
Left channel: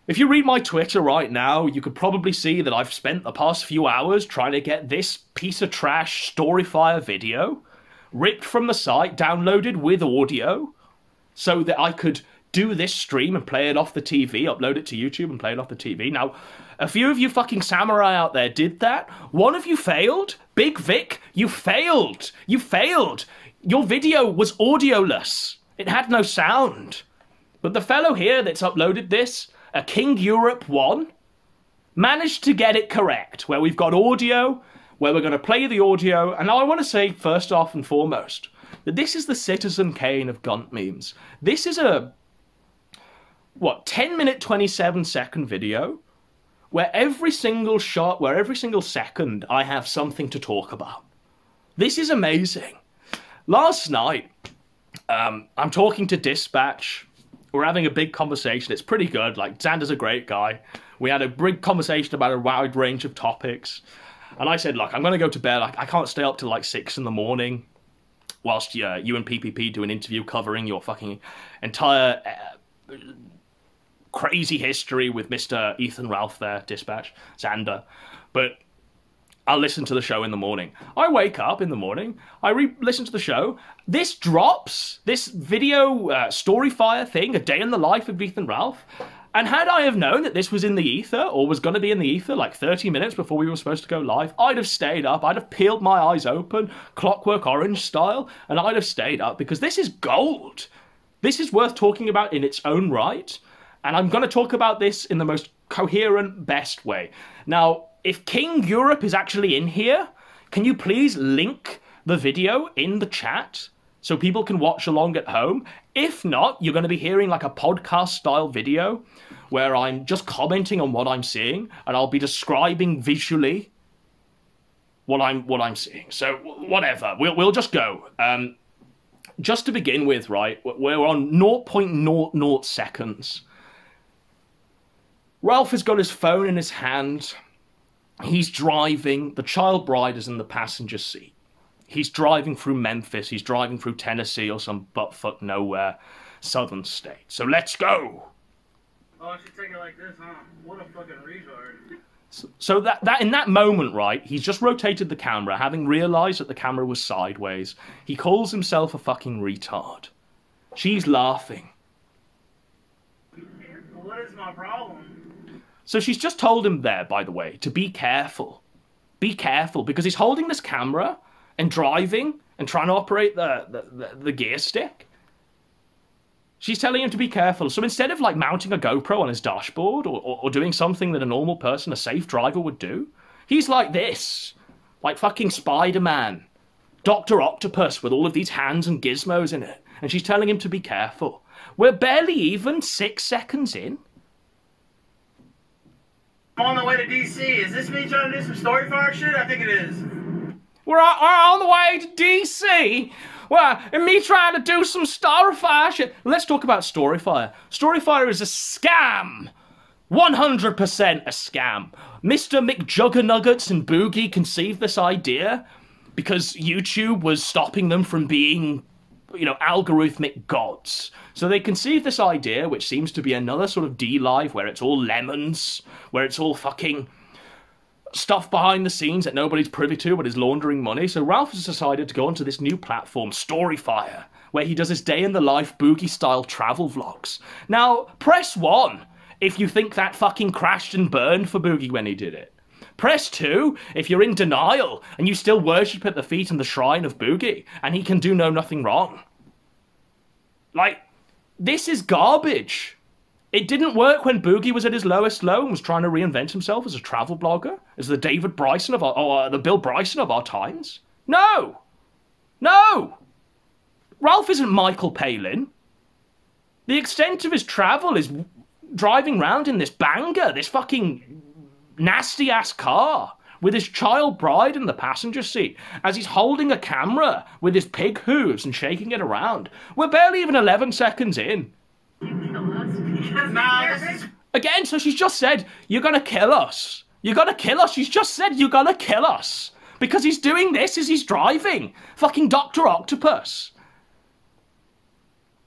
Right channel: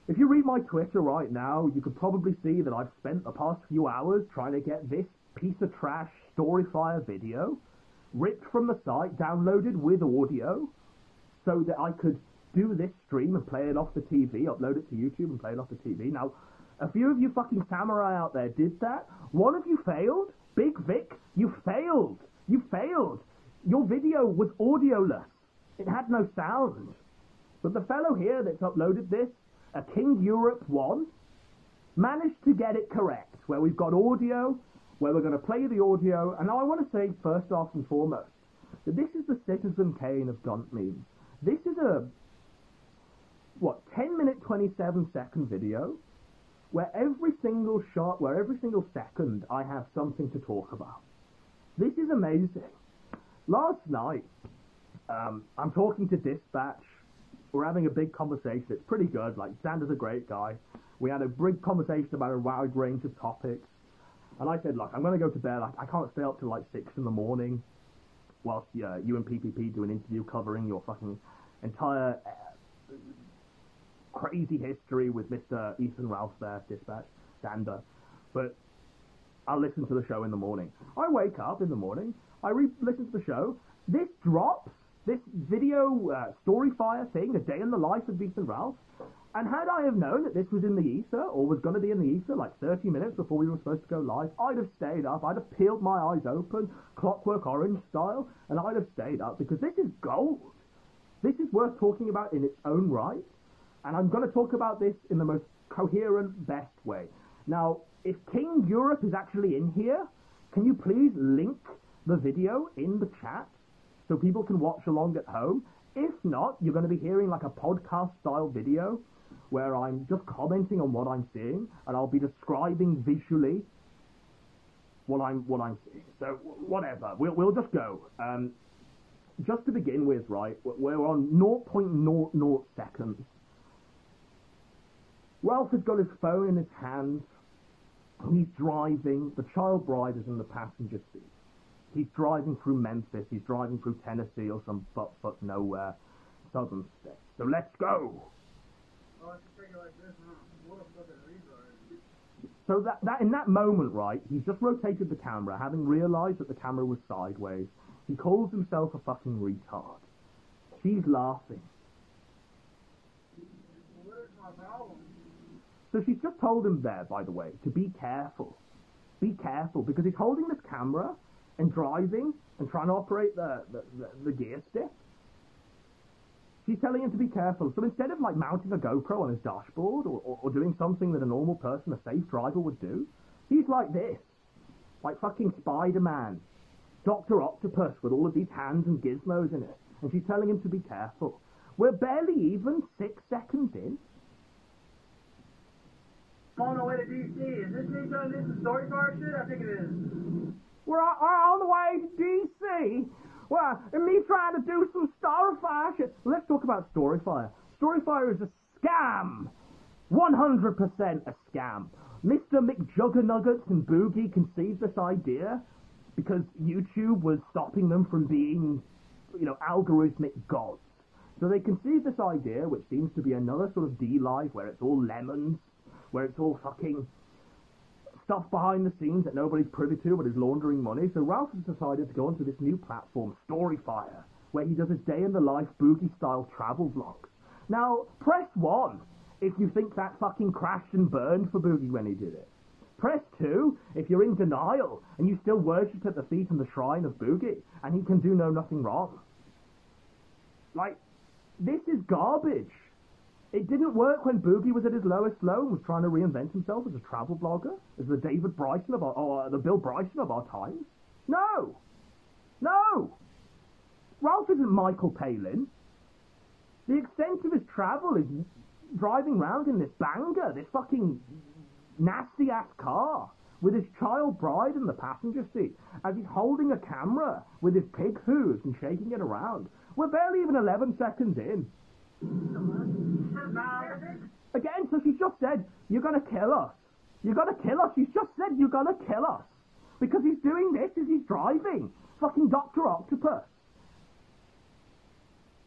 If you read my Twitter right now, you could probably see that I've spent the past few hours trying to get this piece of trash Storyfire video ripped from the site, downloaded with audio, so that I could do this stream and play it off the TV, upload it to YouTube and play it off the TV. Now, a few of you fucking samurai out there did that. One of you failed. Big Vic, you failed. You failed. Your video was audioless. It had no sound. But the fellow here that's uploaded this, a King Europe 1, managed to get it correct, where we've got audio, where we're going to play the audio. And now I want to say, first off and foremost, that this is the Citizen Kane of Gunt memes. This is a, 10-minute, 27-second video, where every single shot, where every single second, I have something to talk about. This is amazing. Last night, I'm talking to Dispatch. We're having a big conversation. It's pretty good. Like, Xander's a great guy. We had a big conversation about a wide range of topics. And I said, look, I'm going to go to bed. I can't stay up till like 6 in the morning whilst you and PPP do an interview covering your fucking entire crazy history with Mr. Ethan Ralph there, Dispatch, Xander. But I'll listen to the show in the morning. I wake up in the morning, I listen to the show. This drops, this video Storyfire thing, a day in the life of Ethan Ralph. And had I have known that this was in the ether, or was going to be in the ether like 30 minutes before we were supposed to go live, I'd have stayed up. I'd have peeled my eyes open, Clockwork Orange style, and I'd have stayed up because this is gold. This is worth talking about in its own right. And I'm going to talk about this in the most coherent, best way. Now, if King Europe is actually in here, can you please link the video in the chat so people can watch along at home? If not, you're going to be hearing like a podcast-style video where I'm just commenting on what I'm seeing, and I'll be describing visually what I'm seeing. So whatever, we'll just go. Just to begin with, right, we're on 0.00 seconds. Ralph has got his phone in his hand. He's driving. The child bride is in the passenger seat. He's driving through Memphis. He's driving through Tennessee or some buttfuck nowhere southern state. So let's go. Oh, I should take it like this, huh? What a fucking retard. So that in that moment, right, he's just rotated the camera, having realized that the camera was sideways. He calls himself a fucking retard. She's laughing. What is my problem? So she's just told him there, by the way, to be careful. Be careful, because he's holding this camera and driving and trying to operate the gear stick. She's telling him to be careful. So instead of like mounting a GoPro on his dashboard or doing something that a normal person, a safe driver would do, he's like this. Like fucking Spider-Man. Dr. Octopus with all of these hands and gizmos in it. And she's telling him to be careful. We're barely even 6 seconds in. I'm on the way to DC. Is this me trying to do some Storyfire shit? I think it is. We're on the way to DC. Well, and me trying to do some Storyfire shit. Let's talk about Storyfire. Storyfire is a scam. 100% a scam. Mr. McJuggernuggets and Boogie conceived this idea because YouTube was stopping them from being, you know, algorithmic gods. So they conceived this idea, which seems to be another sort of D-Live, where it's all lemons, where it's all fucking stuff behind the scenes that nobody's privy to but is laundering money. So Ralph has decided to go onto this new platform, Storyfire, where he does his day-in-the-life Boogie-style travel vlogs. Now, press 1 if you think that fucking crashed and burned for Boogie when he did it. Press 2 if you're in denial and you still worship at the feet and the shrine of Boogie and he can do nothing wrong. Like, this is garbage. It didn't work when Boogie was at his lowest low and was trying to reinvent himself as a travel blogger, as the David Bryson of the Bill Bryson of our times. No! No! Ralph isn't Michael Palin. The extent of his travel is driving around in this banger, this fucking nasty-ass car, with his child bride in the passenger seat, as he's holding a camera with his pig hooves and shaking it around. We're barely even 11 seconds in. Again, so she's just said, you're gonna kill us. You're gonna kill us. She's just said, you're gonna kill us. Because he's doing this as he's driving. Fucking Dr. Octopus.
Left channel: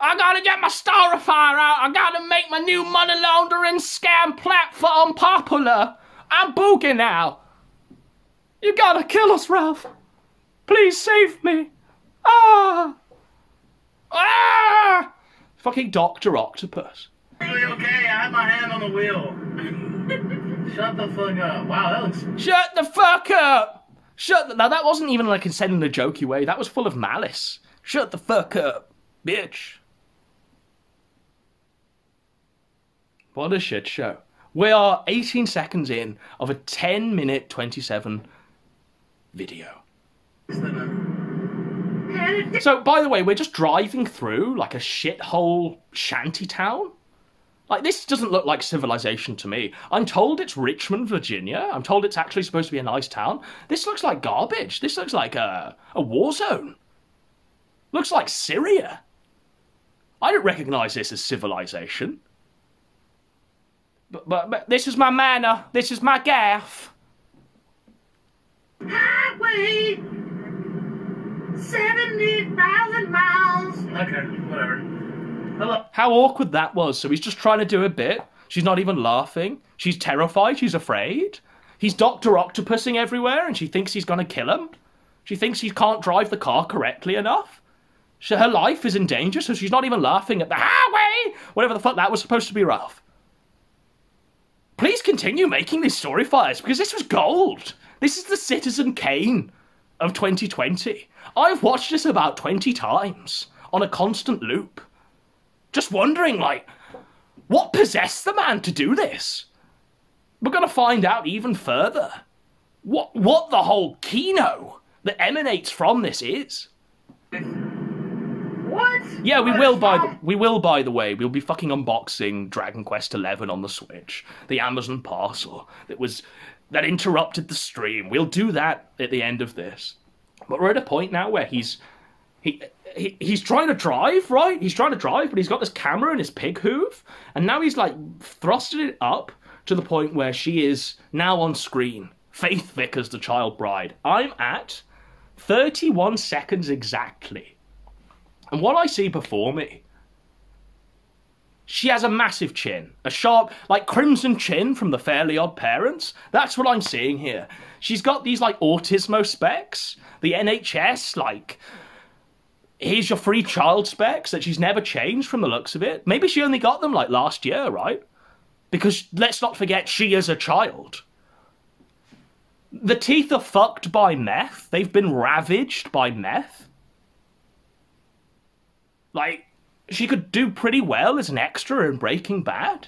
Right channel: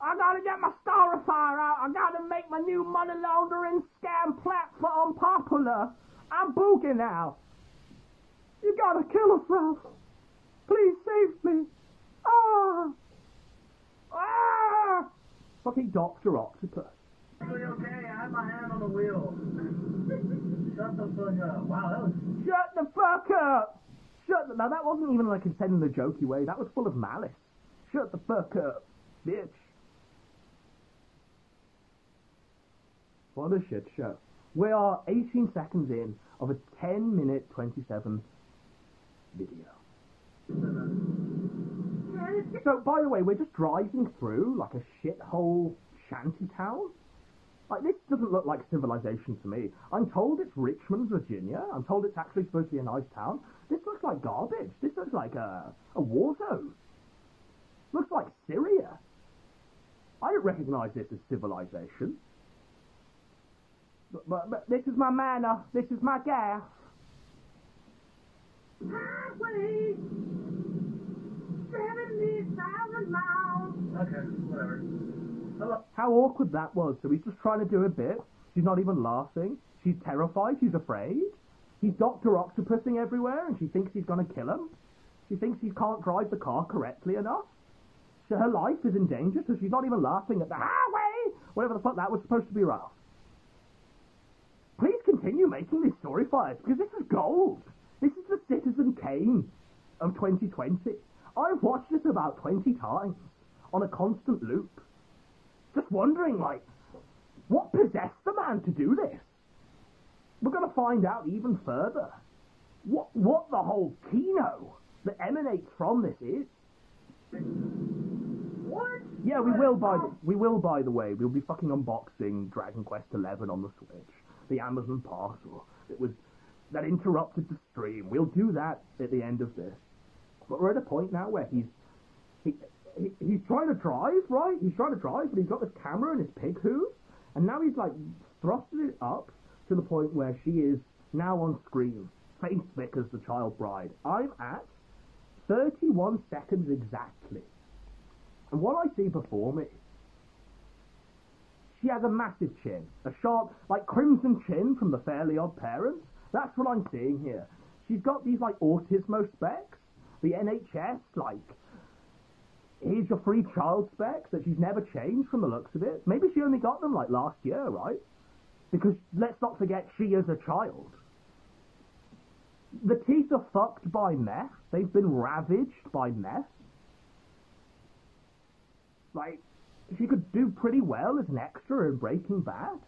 I gotta get my Storyfire out. I gotta make my new money laundering scam platform popular. I'm Boogie now. You gotta kill us, Ralph. Please save me. Ah! Ah! Fucking Dr. Octopus. Okay, I have my hand on the wheel. Shut the fuck up. Wow, that looks... Shut the fuck up! Now, that wasn't even like said in a jokey way. That was full of malice. Shut the fuck up, bitch. What a shit show. We are 18 seconds in of a 10-minute 27 video. So, by the way, we're just driving through like a shithole shanty town. Like, this doesn't look like civilization to me. I'm told it's Richmond, Virginia. I'm told it's actually supposed to be a nice town. This looks like garbage. This looks like a war zone. Looks like Syria. I don't recognize this as civilization. But this is my manor. This is my gaff. Highway 70,000 miles. Okay, whatever. Hello. How awkward that was. So he's just trying to do a bit. She's not even laughing. She's terrified. She's afraid. He's Dr. Octopusing everywhere, and she thinks he's going to kill him. She thinks he can't drive the car correctly enough. So her life is in danger, so she's not even laughing at the highway, whatever the fuck that was supposed to be, Ralph. Please continue making these story fires, because this was gold. This is the Citizen Kane of 2020. I've watched this about 20 times on a constant loop. Just wondering, like, what possessed the man to do this? We're going to find out even further what the whole kino that emanates from this is. What? Yeah, we will by the way. We'll be fucking unboxing Dragon Quest XI on the Switch, the Amazon parcel that interrupted the stream. We'll do that at the end of this. But we're at a point now where he's trying to drive, right? He's trying to drive, but he's got this camera in his pig hoof, and now he's like thrusted it up to the point where she is now on screen. Faith Vickers, the child bride. I'm at 31 seconds exactly. And what I see before me, she has a massive chin. A sharp, like crimson chin from the Fairly Odd Parents. That's what I'm seeing here. She's got these like autismo specs. The NHS, like, here's your free child specs that she's never changed from the looks of it. Maybe she only got them like last year, right? Because let's not forget, she is a child. The teeth are fucked by meth. They've been ravaged by meth. Like, she could do pretty well as an extra in Breaking Bad.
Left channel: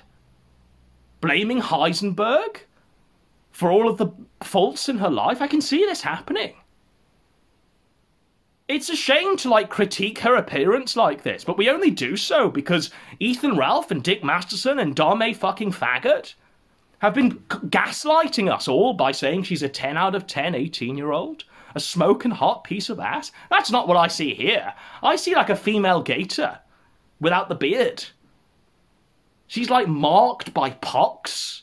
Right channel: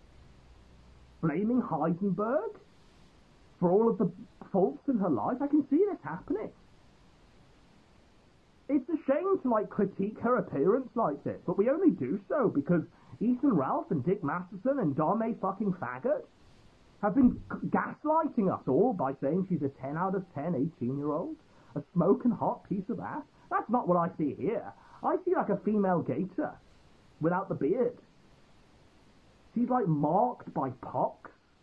Blaming Heisenberg for all of the faults in her life. I can see this happening. It's a shame to, like, critique her appearance like this, but we only do so because Ethan Ralph and Dick Masterson and Dame fucking Faggot have been gaslighting us all by saying she's a 10 out of 10 18-year-old. A smoking hot piece of ass. That's not what I see here. I see like a female gator without the beard. She's like marked by pox.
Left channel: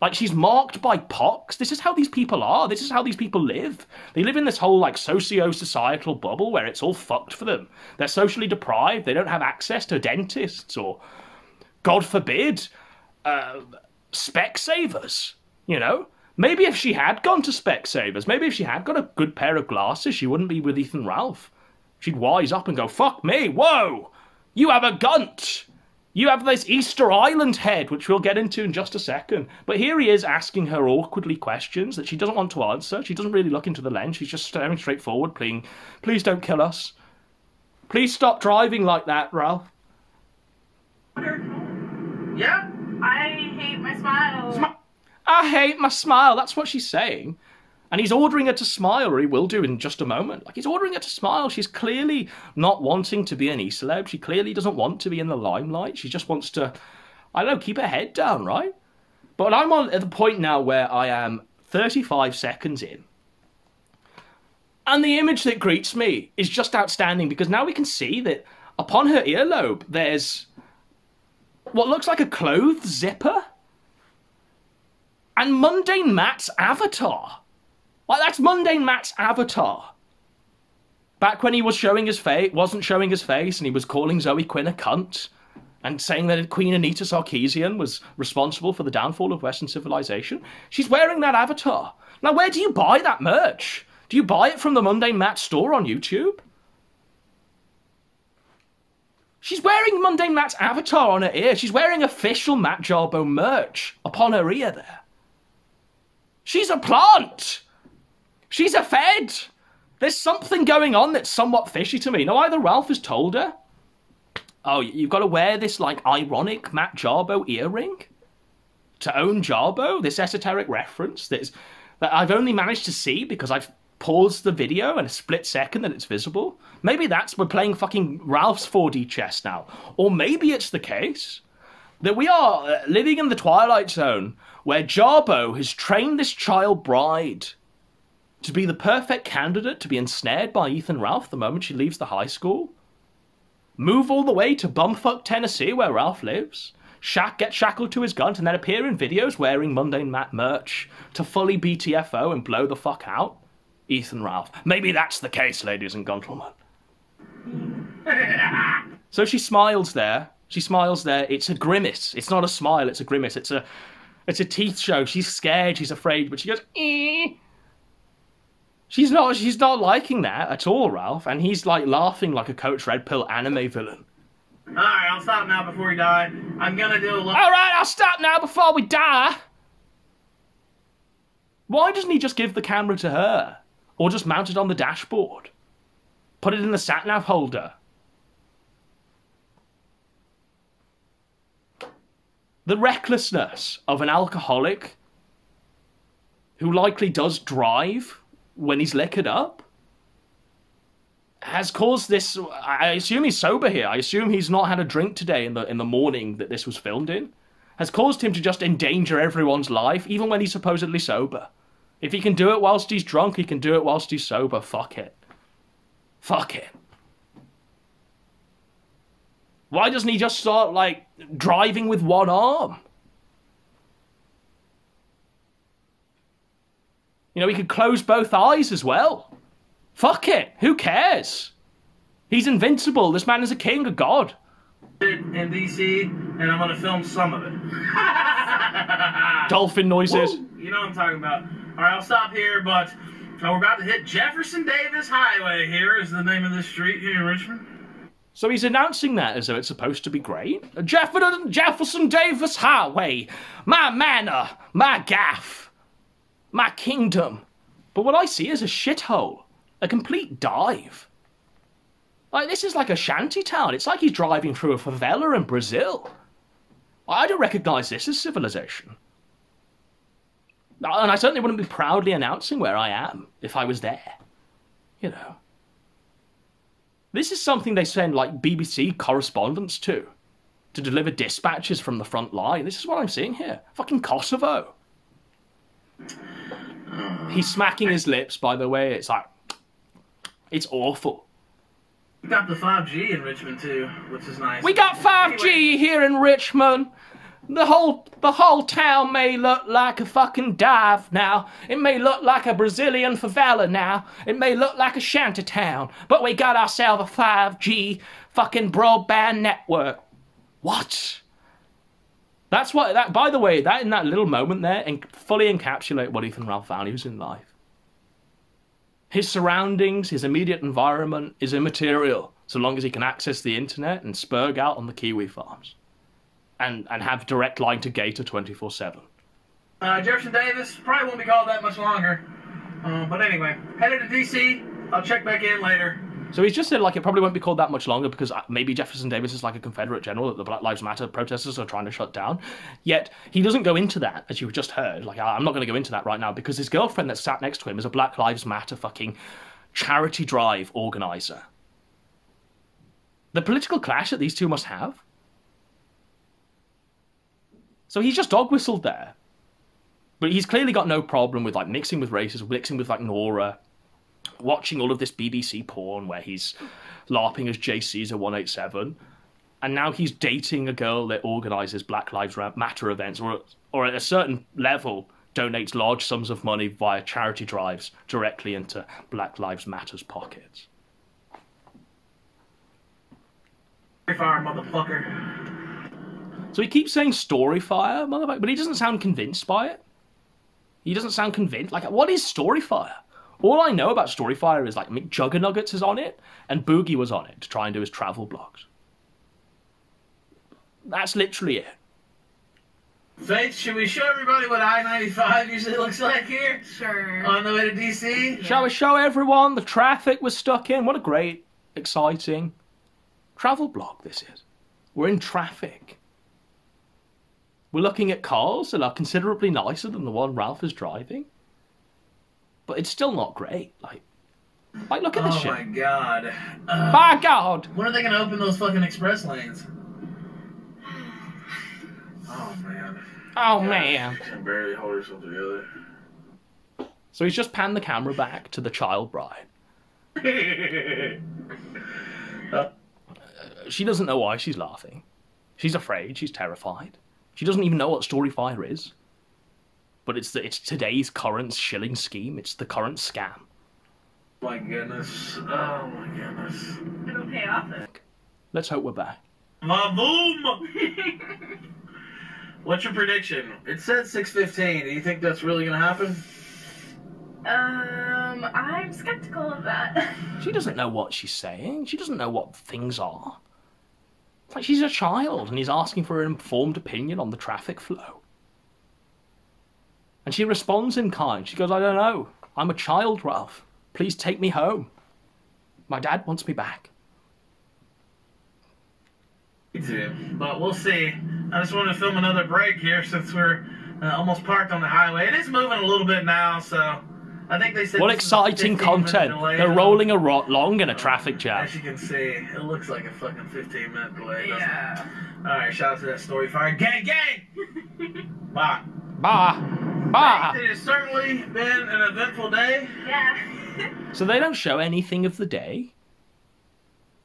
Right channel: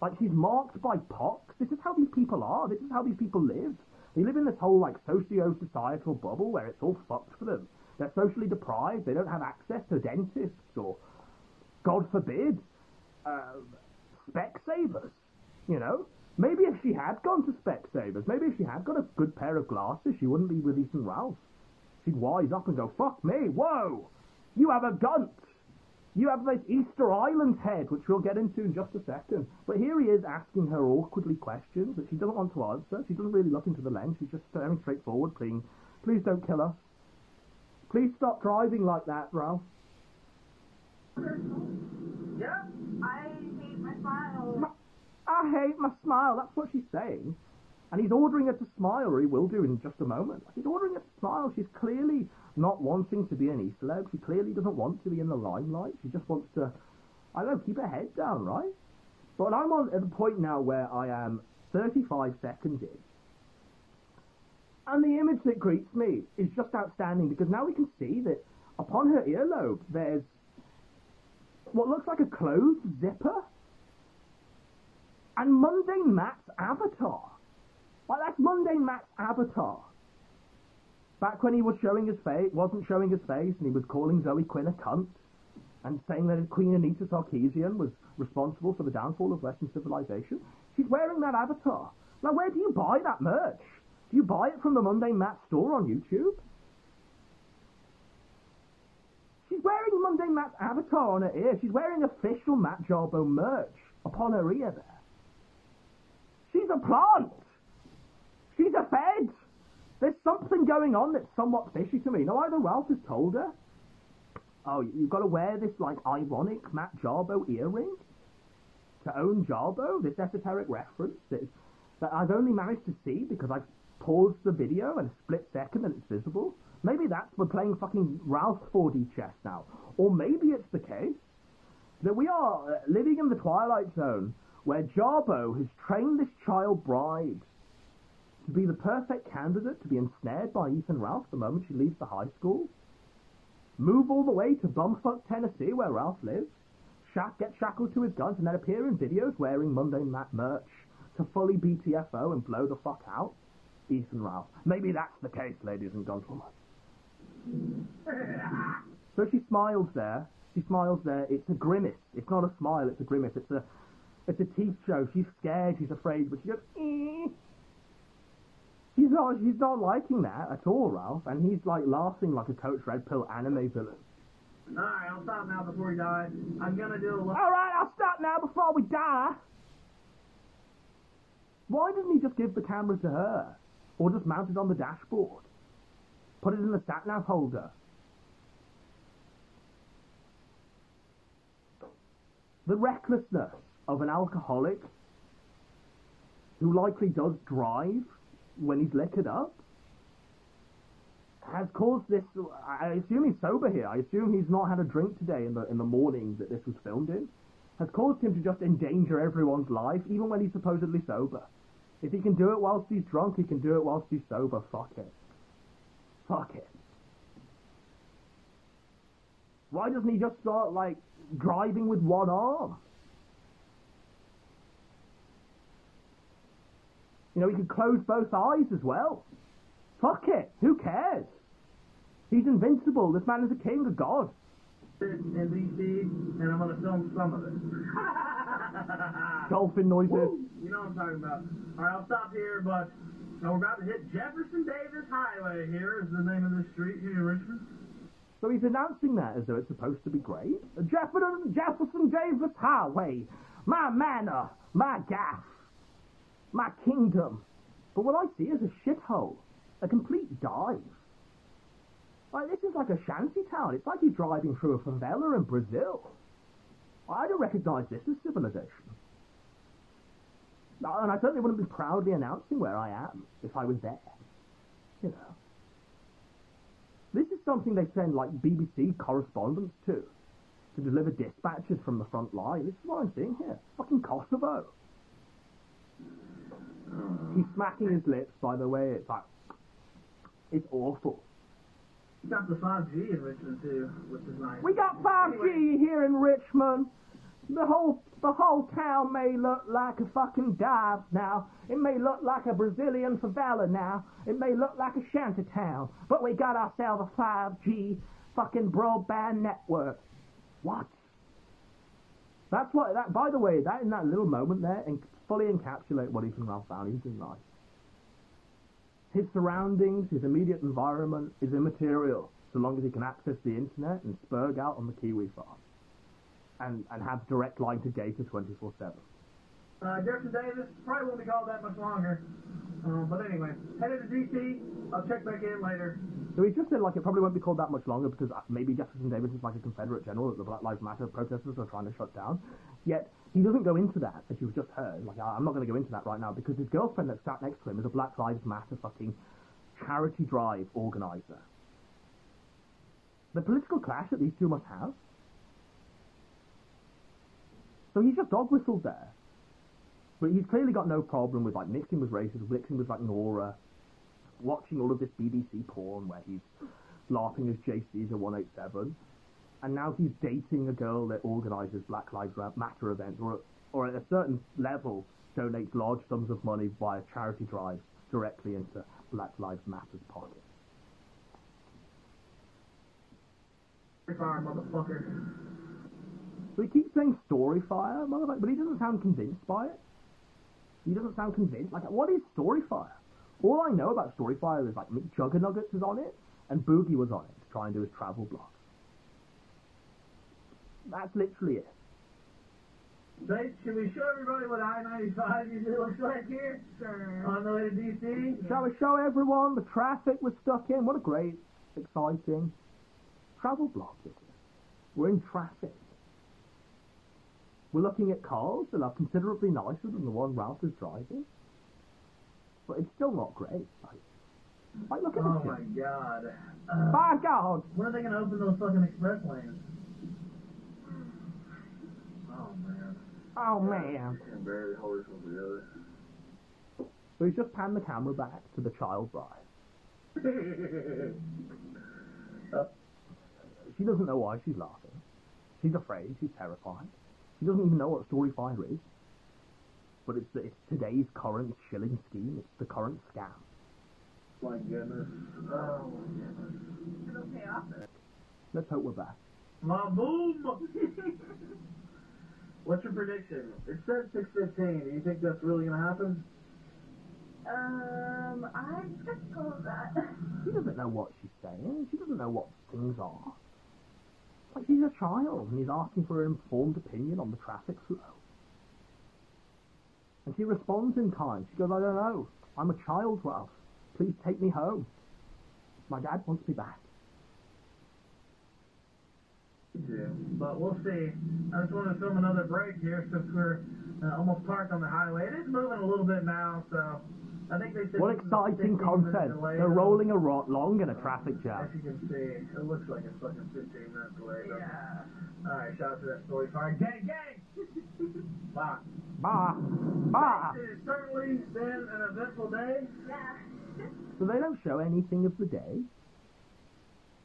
Like she's marked by pox. This is how these people are. This is how these people live. They live in this whole like socio-societal bubble where it's all fucked for them. They're socially deprived. They don't have access to dentists or, God forbid, Specsavers, you know? Maybe if she had gone to Specsavers, maybe if she had got a good pair of glasses, she wouldn't be with Ethan Ralph. She'd wise up and go, fuck me, whoa! You have a gunt! You have this Easter Island head, which we'll get into in just a second. But here he is asking her awkwardly questions that she doesn't want to answer. She doesn't really look into the lens. She's just staring straight forward, please don't kill us. Please stop driving like that, Ralph. Yeah? I hate my smile. I hate my smile. That's what she's saying. And he's ordering her to smile, or he will do in just a moment. Like, he's ordering her to smile. She's clearly not wanting to be an e-celeb. She clearly doesn't want to be in the limelight. She just wants to, I don't know, keep her head down, right? But I'm at the point now where I am 35 seconds in. And the image that greets me is just outstanding, because now we can see that upon her earlobe, there's what looks like a clothes zipper. And Mundane Matt's avatar. Like, that's Mundane Matt's avatar. Back when he was showing his face, wasn't showing his face, and he was calling Zoe Quinn a cunt, and saying that Queen Anita Sarkeesian was responsible for the downfall of Western civilization. She's wearing that avatar. Now, where do you buy that merch? Do you buy it from the Mundane Matt store on YouTube? She's wearing Mundane Matt's avatar on her ear. She's wearing official Matt Jarbo merch upon her ear there. She's a plant. She's a fed. There's something going on that's somewhat fishy to me. Now, either Ralph has told her, oh, you've got to wear this, like, ironic Matt Jarbo earring to own Jarbo, this esoteric reference that I've only managed to see because I've paused the video in a split second that it's visible. Maybe we're playing fucking Ralph's 4D chess now. Or maybe it's the case that we are living in the Twilight Zone where Jarbo has trained this child bride to be the perfect candidate to be ensnared by Ethan Ralph the moment she leaves the high school. move all the way to bumfuck Tennessee where Ralph lives, get shackled to his gun, and then appear in videos wearing Mundane Matt merch to fully BTFO and blow the fuck out? Ethan Ralph. Maybe that's the case, ladies and gentlemen. So she smiles there. She smiles there. It's a grimace. It's not a smile, it's a grimace. It's a teeth show. She's scared, she's afraid, but she goes, eh. She's not liking that at all, Ralph, and he's like laughing like a Coach Red Pill anime villain. Alright, I'll stop now before we die. I'm gonna do a little... Alright, I'll stop now before we die. Why doesn't he just give the camera to her? Or just mount it on the dashboard? Put it in the sat-nav holder? The recklessness of an alcoholic who likely does drive when he's liquored up has caused this. I assume he's sober here. I assume he's not had a drink today in the morning that this was filmed in. Has caused him to just endanger everyone's life, even when he's supposedly sober. If he can do it whilst he's drunk, he can do it whilst he's sober. Fuck it. Fuck it. Why doesn't he just start, like, driving with one arm? You know, he could close both eyes as well. Fuck it. Who cares? He's invincible. This man is a king, a god. in DC, and I'm gonna film some of it. Dolphin noises. Woo! You know what I'm talking about. All right, I'll stop here, but we're about to hit Jefferson Davis Highway. Here is the name of this street here in Richmond. So he's announcing that as though it's supposed to be great. Jefferson Davis Highway, my manor, my gaff, my kingdom. But what I see is a shithole, a complete dive. Like, this is like a shanty town. It's like he's driving through a favela in Brazil. I don't recognise this as civilization. And I certainly wouldn't be proudly announcing where I am if I was there. You know. This is something they send, like, BBC correspondents to deliver dispatches from the front line. This is what I'm seeing here. Fucking Kosovo. He's smacking his lips, by the way. It's like... it's awful. We got the 5G in Richmond, too, which is nice. We got 5G here in Richmond. The whole town may look like a fucking dive now. It may look like a Brazilian favela now. It may look like a shanty town. But we got ourselves a 5G fucking broadband network. What? That's what... that. By the way, that in that little moment there fully encapsulate what Ethan Ralph values in life. His surroundings, his immediate environment is immaterial so long as he can access the internet and spurg out on the Kiwi farms. And have direct line to Gator 24/7. Jefferson Davis probably won't be called that much longer. But anyway, headed to DC. I'll check back in later. So he's just said, like, it probably won't be called that much longer because maybe Jefferson Davis is like a Confederate general that the Black Lives Matter protesters are trying to shut down. Yet he doesn't go into that, as you've just heard. Like, I'm not going to go into that right now because his girlfriend that sat next to him is a Black Lives Matter fucking charity drive organizer. The political clash that these two must have. So he's just dog whistled there. But he's clearly got no problem with, like, mixing with races, mixing with, like, Nora, watching all of this BBC porn where he's LARPing as J. Caesar 187. And now he's dating a girl that organises Black Lives Matter events, or at a certain level donates large sums of money via charity drives directly into Black Lives Matter's pockets. Fire, motherfucker. So he keeps saying Storyfire, motherfucker, but he doesn't sound convinced by it. He doesn't sound convinced. Like, what is Storyfire? All I know about Storyfire is, like, Mick Juggernuggets is on it, and Boogie was on it to try and do his travel blogs. That's literally it. Faith, should we show everybody what I-95 usually looks like here? Sure. On the way to DC? Shall we show everyone the traffic we're stuck in? What a great, exciting travel blog this is. We're in traffic. We're looking at cars that are considerably nicer than the one Ralph is driving. But it's still not great. Like look at this shit. Oh my god. By God! When are they gonna open those fucking express lanes? Oh man. Oh man. She can barely hold herself together. So he's just panned the camera back to the child bride. She doesn't know why she's laughing. She's afraid. She's terrified. She doesn't even know what Storyfire is. But it's today's current shilling scheme. It's the current scam. My goodness. Oh my goodness. It'll pay off then. Let's hope we're back. Vavoom! What's your prediction? It said 6:15. Do you think that's really gonna happen? I'm skeptical of that. She doesn't know what she's saying. She doesn't know what things are. It's like she's a child and he's asking for an informed opinion on the traffic flow. And she responds in kind. She goes, I don't know. I'm a child, Ralph. Please take me home. My dad wants me back. Me too. But we'll see. I just wanted to film another break here since we're almost parked on the highway. It is moving a little bit now, so I think they said. What this is a exciting 15-minute content. delay. They're rolling along in a traffic jam. As you can see, it looks like a fucking 15-minute delay, doesn't Yeah. it? Alright, shout out to that Storyfire. Gang, gang! Bye. Bah! Bah! It has certainly been an eventful day. Yeah. So they don't show anything of the day.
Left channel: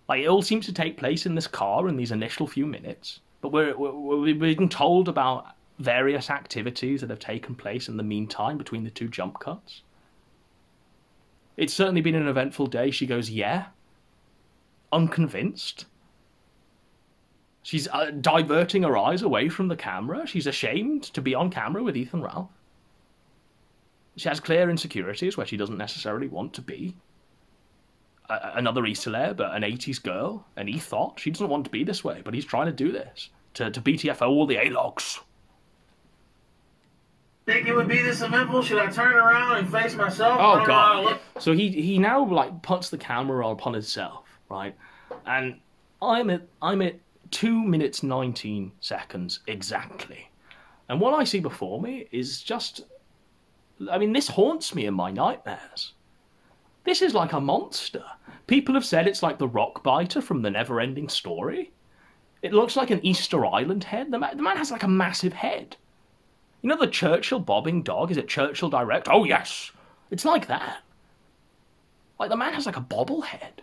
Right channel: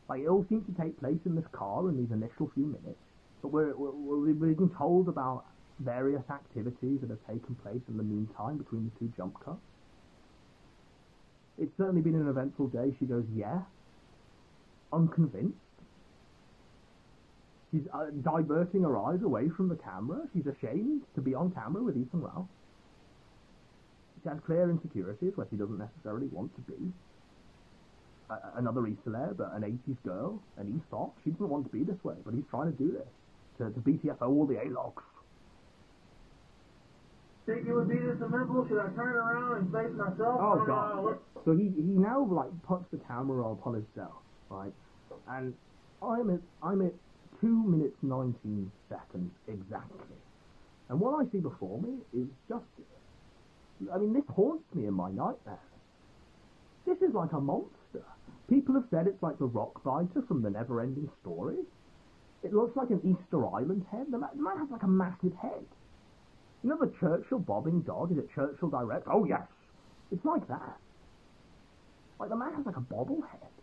Like, it all seems to take place in this car in these initial few minutes. But we're being told about various activities that have taken place in the meantime between the two jump cuts. It's certainly been an eventful day. She goes, yeah. Unconvinced. She's diverting her eyes away from the camera. She's ashamed to be on camera with Ethan Ralph. She has clear insecurities where she doesn't necessarily want to be. Another E-celeb, an 80s girl, an E-thought. She doesn't want to be this way, but he's trying to do this. To BTFO all the A-logs. Think it would be this eventful? Should I turn around and face myself? I Oh, don't know how to God. look. So he now, like, puts the camera upon himself, right? And I'm at 2 minutes 19 seconds exactly. And what I see before me is just... I mean, this haunts me in my nightmares. This is like a monster. People have said it's like the rock biter from the Never-Ending Story. It looks like an Easter Island head. The man has like a massive head. You know the Churchill bobbing dog? Is it Churchill Direct? Oh, yes. It's like that. Like, the man has like a bobblehead.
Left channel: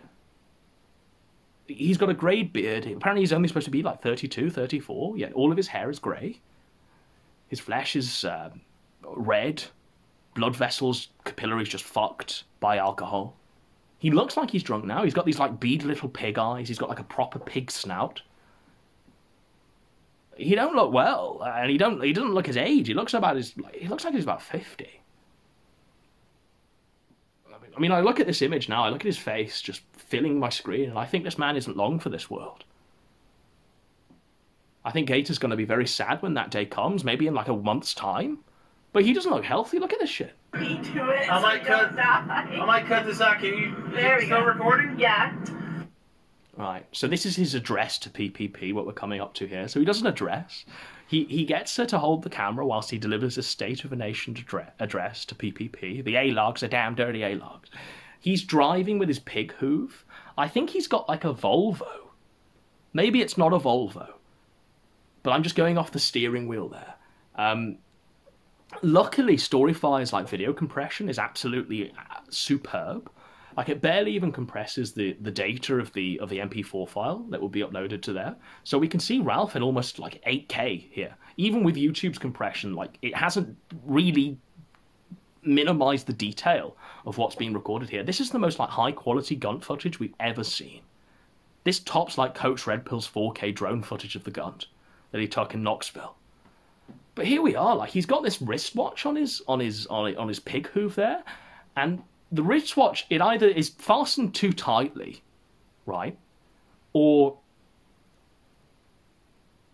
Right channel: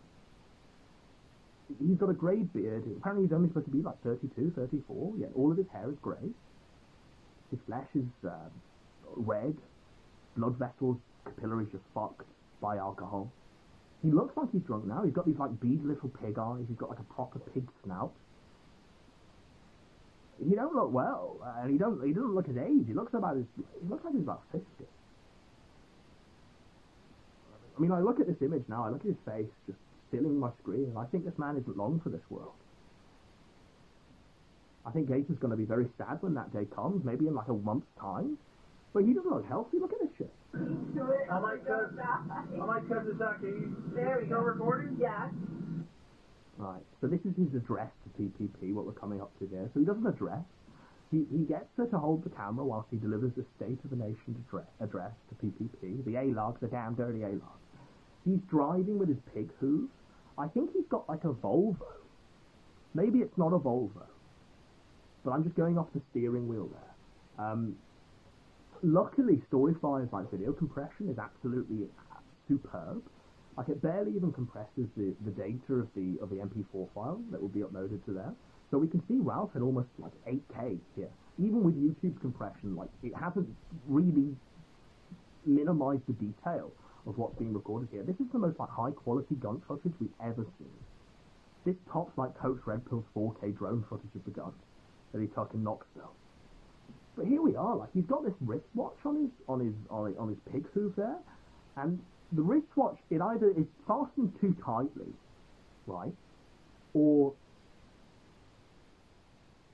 He's got a grey beard. Apparently he's only supposed to be like 32, 34. Yet all of his hair is grey. His flesh is red. Blood vessels, capillaries just fucked by alcohol. He looks like he's drunk now. He's got these like beady little pig eyes. He's got like a proper pig snout. He don't look well, and he doesn't look his age. He looks like he's about 50. I mean, I look at this image now. I look at his face just filling my screen, and I think this man isn't long for this world. I think Gator's going to be very sad when that day comes, maybe in like a month's time. But he doesn't look healthy. Look at this shit. Me do it. I might so you don't cut. die. I might cut this out. Can you? There Is we it still go. recording? Yeah. Right, so this is his address to PPP, what we're coming up to here. So he does an address. He gets her to hold the camera whilst he delivers a State of a Nation address to PPP. The A-logs are damn dirty A-logs. He's driving with his pig hoof. I think he's got like a Volvo. Maybe it's not a Volvo. But I'm just going off the steering wheel there. Luckily, Storyfire's like video compression is absolutely superb. Like, it barely even compresses the data of the MP4 file that will be uploaded to there. So we can see Ralph in almost like 8K here. Even with YouTube's compression, like, it hasn't really minimized the detail of what's being recorded here. This is the most like high quality gun footage we've ever seen. This tops like Coach Red Pill's 4K drone footage of the gun that he took in Knoxville. But here we are, like, he's got this wristwatch on his pig hoof there, and the wristwatch, it either is fastened too tightly, right, or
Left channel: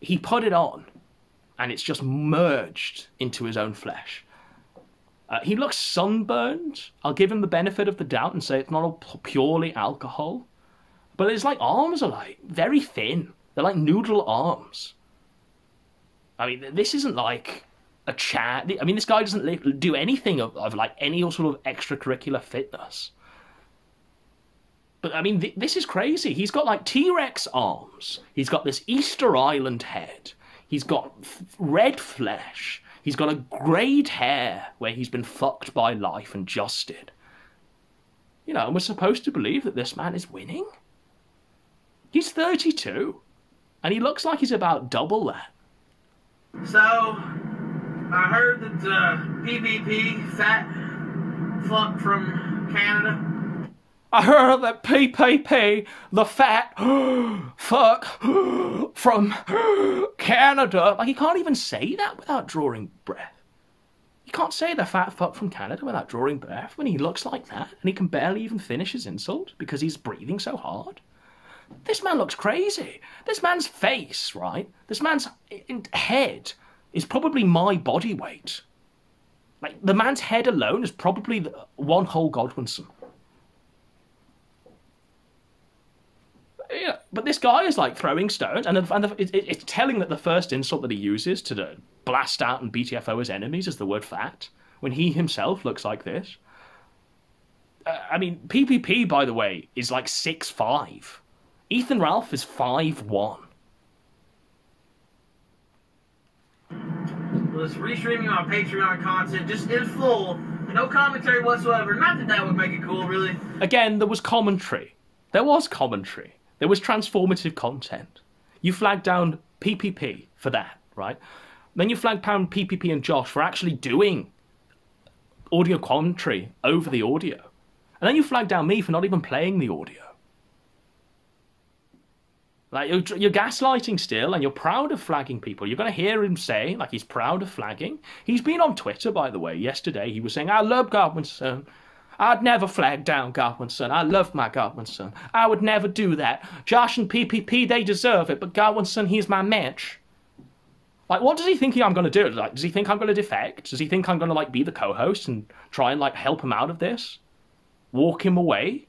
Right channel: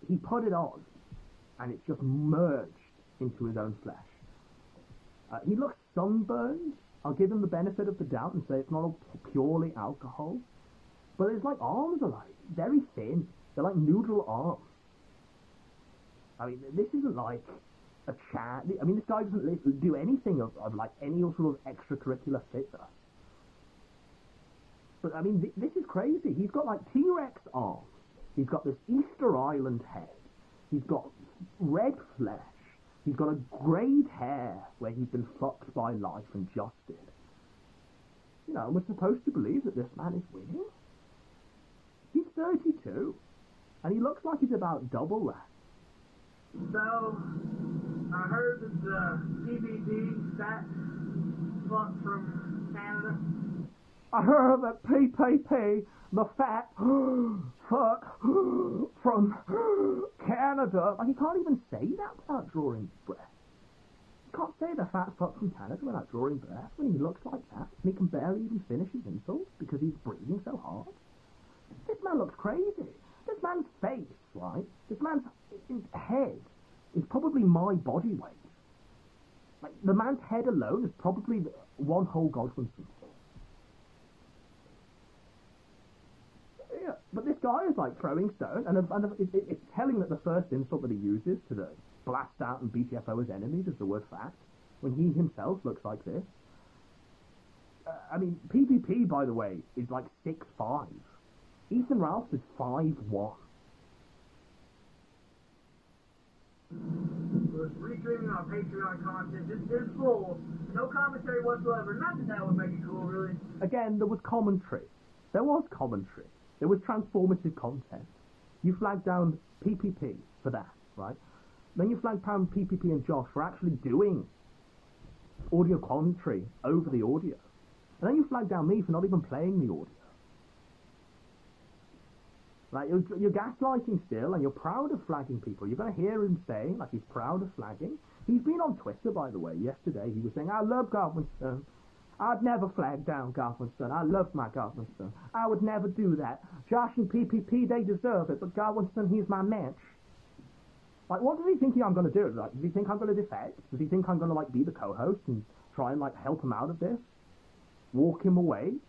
he put it on and it's just merged into his own flesh. He looks sunburned. I'll give him the benefit of the doubt and say it's not all purely alcohol, but his like arms are like very thin. They're like noodle arms. I mean, this isn't like a chat. I mean, this guy doesn't do anything of like any sort of extracurricular fitness. But I mean, this is crazy. He's got like T-Rex arms. He's got this Easter Island head. He's got red flesh. He's got a greyed hair where he's been fucked by life and justed. You know, and we're supposed to believe that this man is winning? He's 32, and he looks like he's about double that. So, I heard that PPP, fat fuck from Canada. I heard that PPP, the fat fuck from Canada. Like, he can't even say that without drawing breath. You can't say the fat fuck from Canada without drawing breath when he looks like that, and he can barely even finish his insult because he's breathing so hard. This man looks crazy. This man's face, right? This man's head is probably my body weight. Like, the man's head alone is probably one whole Godwinson. Yeah, but this guy is like throwing stones, and it's telling that the first insult that he uses to blast out and BTFO his enemies is the word fat, when he himself looks like this. I mean, PPP, by the way, is like 6'5". Ethan Ralph is 5'1". Well, it's restreaming on Patreon content, just in full, no commentary whatsoever. Not that that would make it cool, really. Again, there was commentary. There was commentary. There was transformative content. You flagged down PPP for that, right? Then you flagged down PPP and Josh for actually doing audio commentary over the audio. And then you flagged down me for not even playing the audio. Like, you're gaslighting still, and you're proud of flagging people. You're going to hear him say, like, he's proud of flagging. He's been on Twitter, by the way. Yesterday, he was saying, I love Godwinson. I'd never flag down Godwinson. I love my Godwinson. I would never do that. Josh and PPP, they deserve it, but Godwinson, he's my match. Like, what does he think I'm going to do? Like, does he think I'm going to defect? Does he think I'm going to, like, be the co-host and try and, like, help him out of this? Walk him away?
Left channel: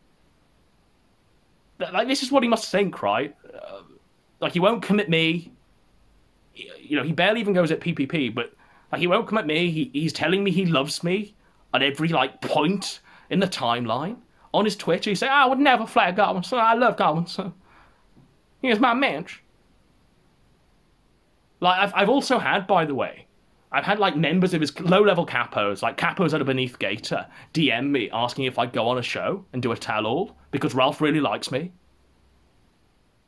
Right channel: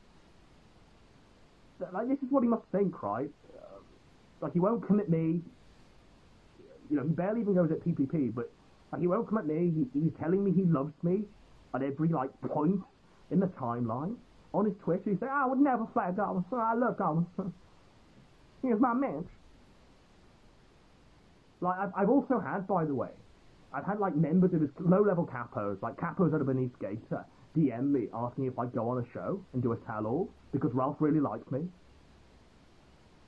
Like, this is what he must think, right? Like, he won't come at me. You know, he barely even goes at PPP, but, like, he won't come at me. He's telling me he loves me at every, like, point in the timeline. On his Twitter, he say, I would never flag Godwinson. I love Godwinson. He's my match. Like, I've also had, by the way, I've had, like, members of his low-level capos, like capos that are beneath Gator, DM me asking if I'd go on a show and do a tell-all because Ralph really likes me.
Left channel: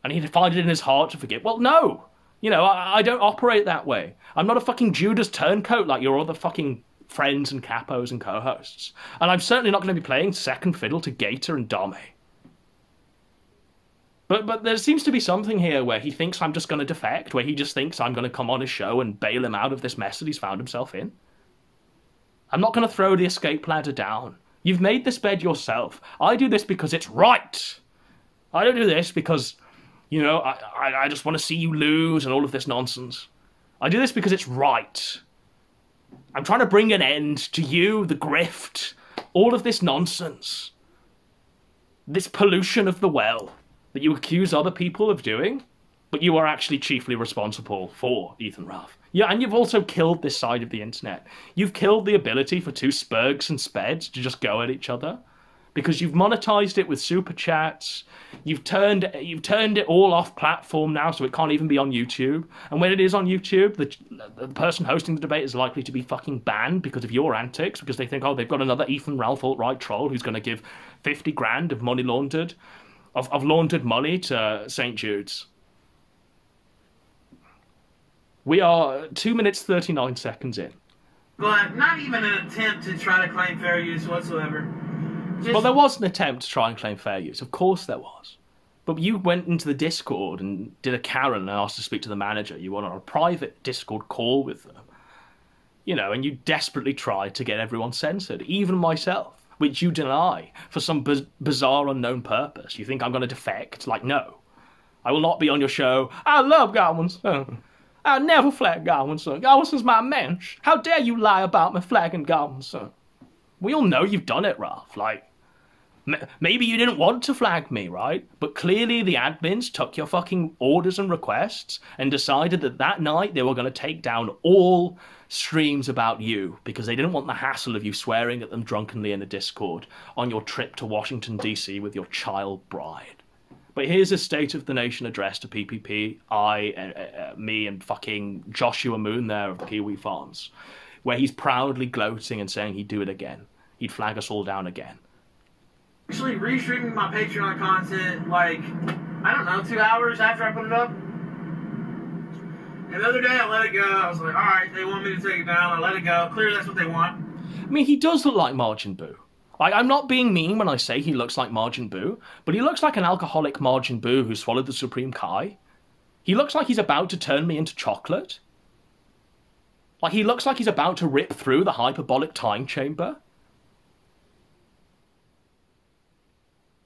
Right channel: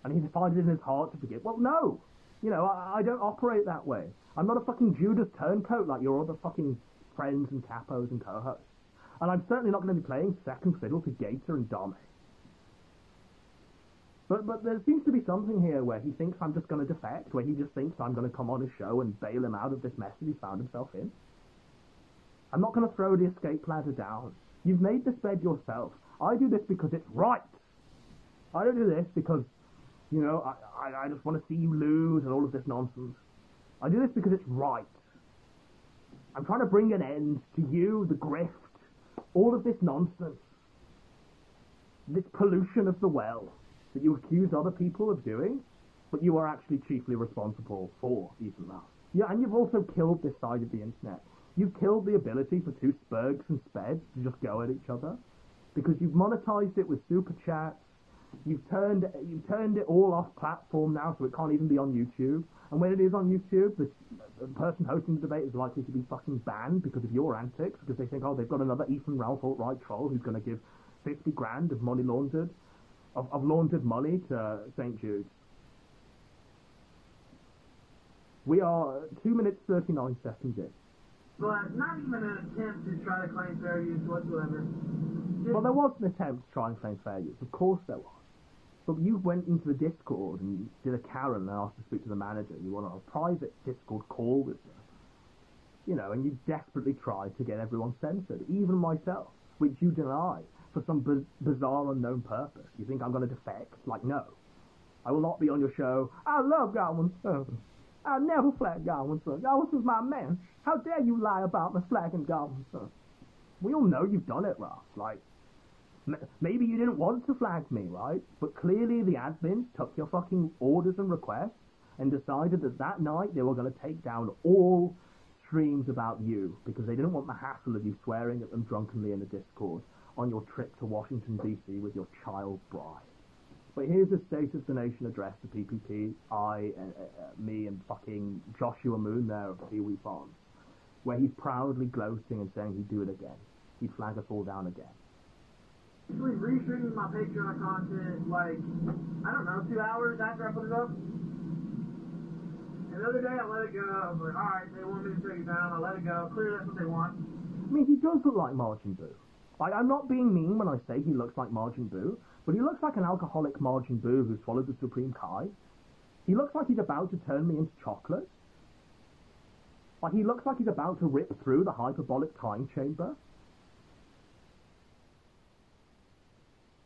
And he'd find it in his heart to forgive. Well, no. You know, I don't operate that way. I'm not a fucking Judas turncoat like your other fucking friends and capos and co-hosts. And I'm certainly not going to be playing second fiddle to Gator and Dame. But there seems to be something here where he thinks I'm just going to defect, where he just thinks I'm going to come on his show and bail him out of this mess that he's found himself in. I'm not going to throw the escape ladder down. You've made this bed yourself. I do this because it's right. I don't do this because, you know, I just want to see you lose and all of this nonsense. I do this because it's right. I'm trying to bring an end to you, the grift, all of this nonsense. This pollution of the well that you accuse other people of doing, but you are actually chiefly responsible for, Ethan Ralph. Yeah, and you've also killed this side of the internet. You've killed the ability for two Spurgs and Speds to just go at each other, because you've monetized it with super chats. You've turned it all off platform now, so it can't even be on YouTube. And when it is on YouTube, the person hosting the debate is likely to be fucking banned because of your antics, because they think, oh, they've got another Ethan Ralph alt-right troll who's going to give 50 grand of money laundered, of laundered money to St. Jude's. We are 2 minutes 39 seconds in. But not even an attempt to try to claim fair use whatsoever. Well, there was an attempt to try and claim fair use. Of course there was. But you went into the Discord and did a Karen and asked to speak to the manager. You went on a private Discord call with them. You know, and you desperately tried to get everyone censored, even myself, which you deny for some bizarre unknown purpose. You think I'm going to defect? Like, no. I will not be on your show. I love Godwinson. I never flag Godwinson. Godwinson's my mensch. How dare you lie about me flagging Godwinson? We all know you've done it, Ralph. Like, maybe you didn't want to flag me, right? But clearly the admins took your fucking orders and requests and decided that that night they were going to take down all streams about you because they didn't want the hassle of you swearing at them drunkenly in the Discord on your trip to Washington, D.C. with your child bride. But here's a State of the Nation address to PPP, me and fucking Joshua Moon there of the Kiwi Farms, where he's proudly gloating and saying he'd do it again. He'd flag us all down again. Actually, restreaming my Patreon content, like, I don't know, 2 hours after I put it up. And the other day I let it go. I was like, all right, they want me to take it down. I let it go. Clearly that's what they want. I mean, he does look like Majin Buu. Like, I'm not being mean when I say he looks like Majin Buu, but he looks like an alcoholic Majin Buu who swallowed the Supreme Kai. He looks like he's about to turn me into chocolate. Like, he looks like he's about to rip through the hyperbolic time chamber.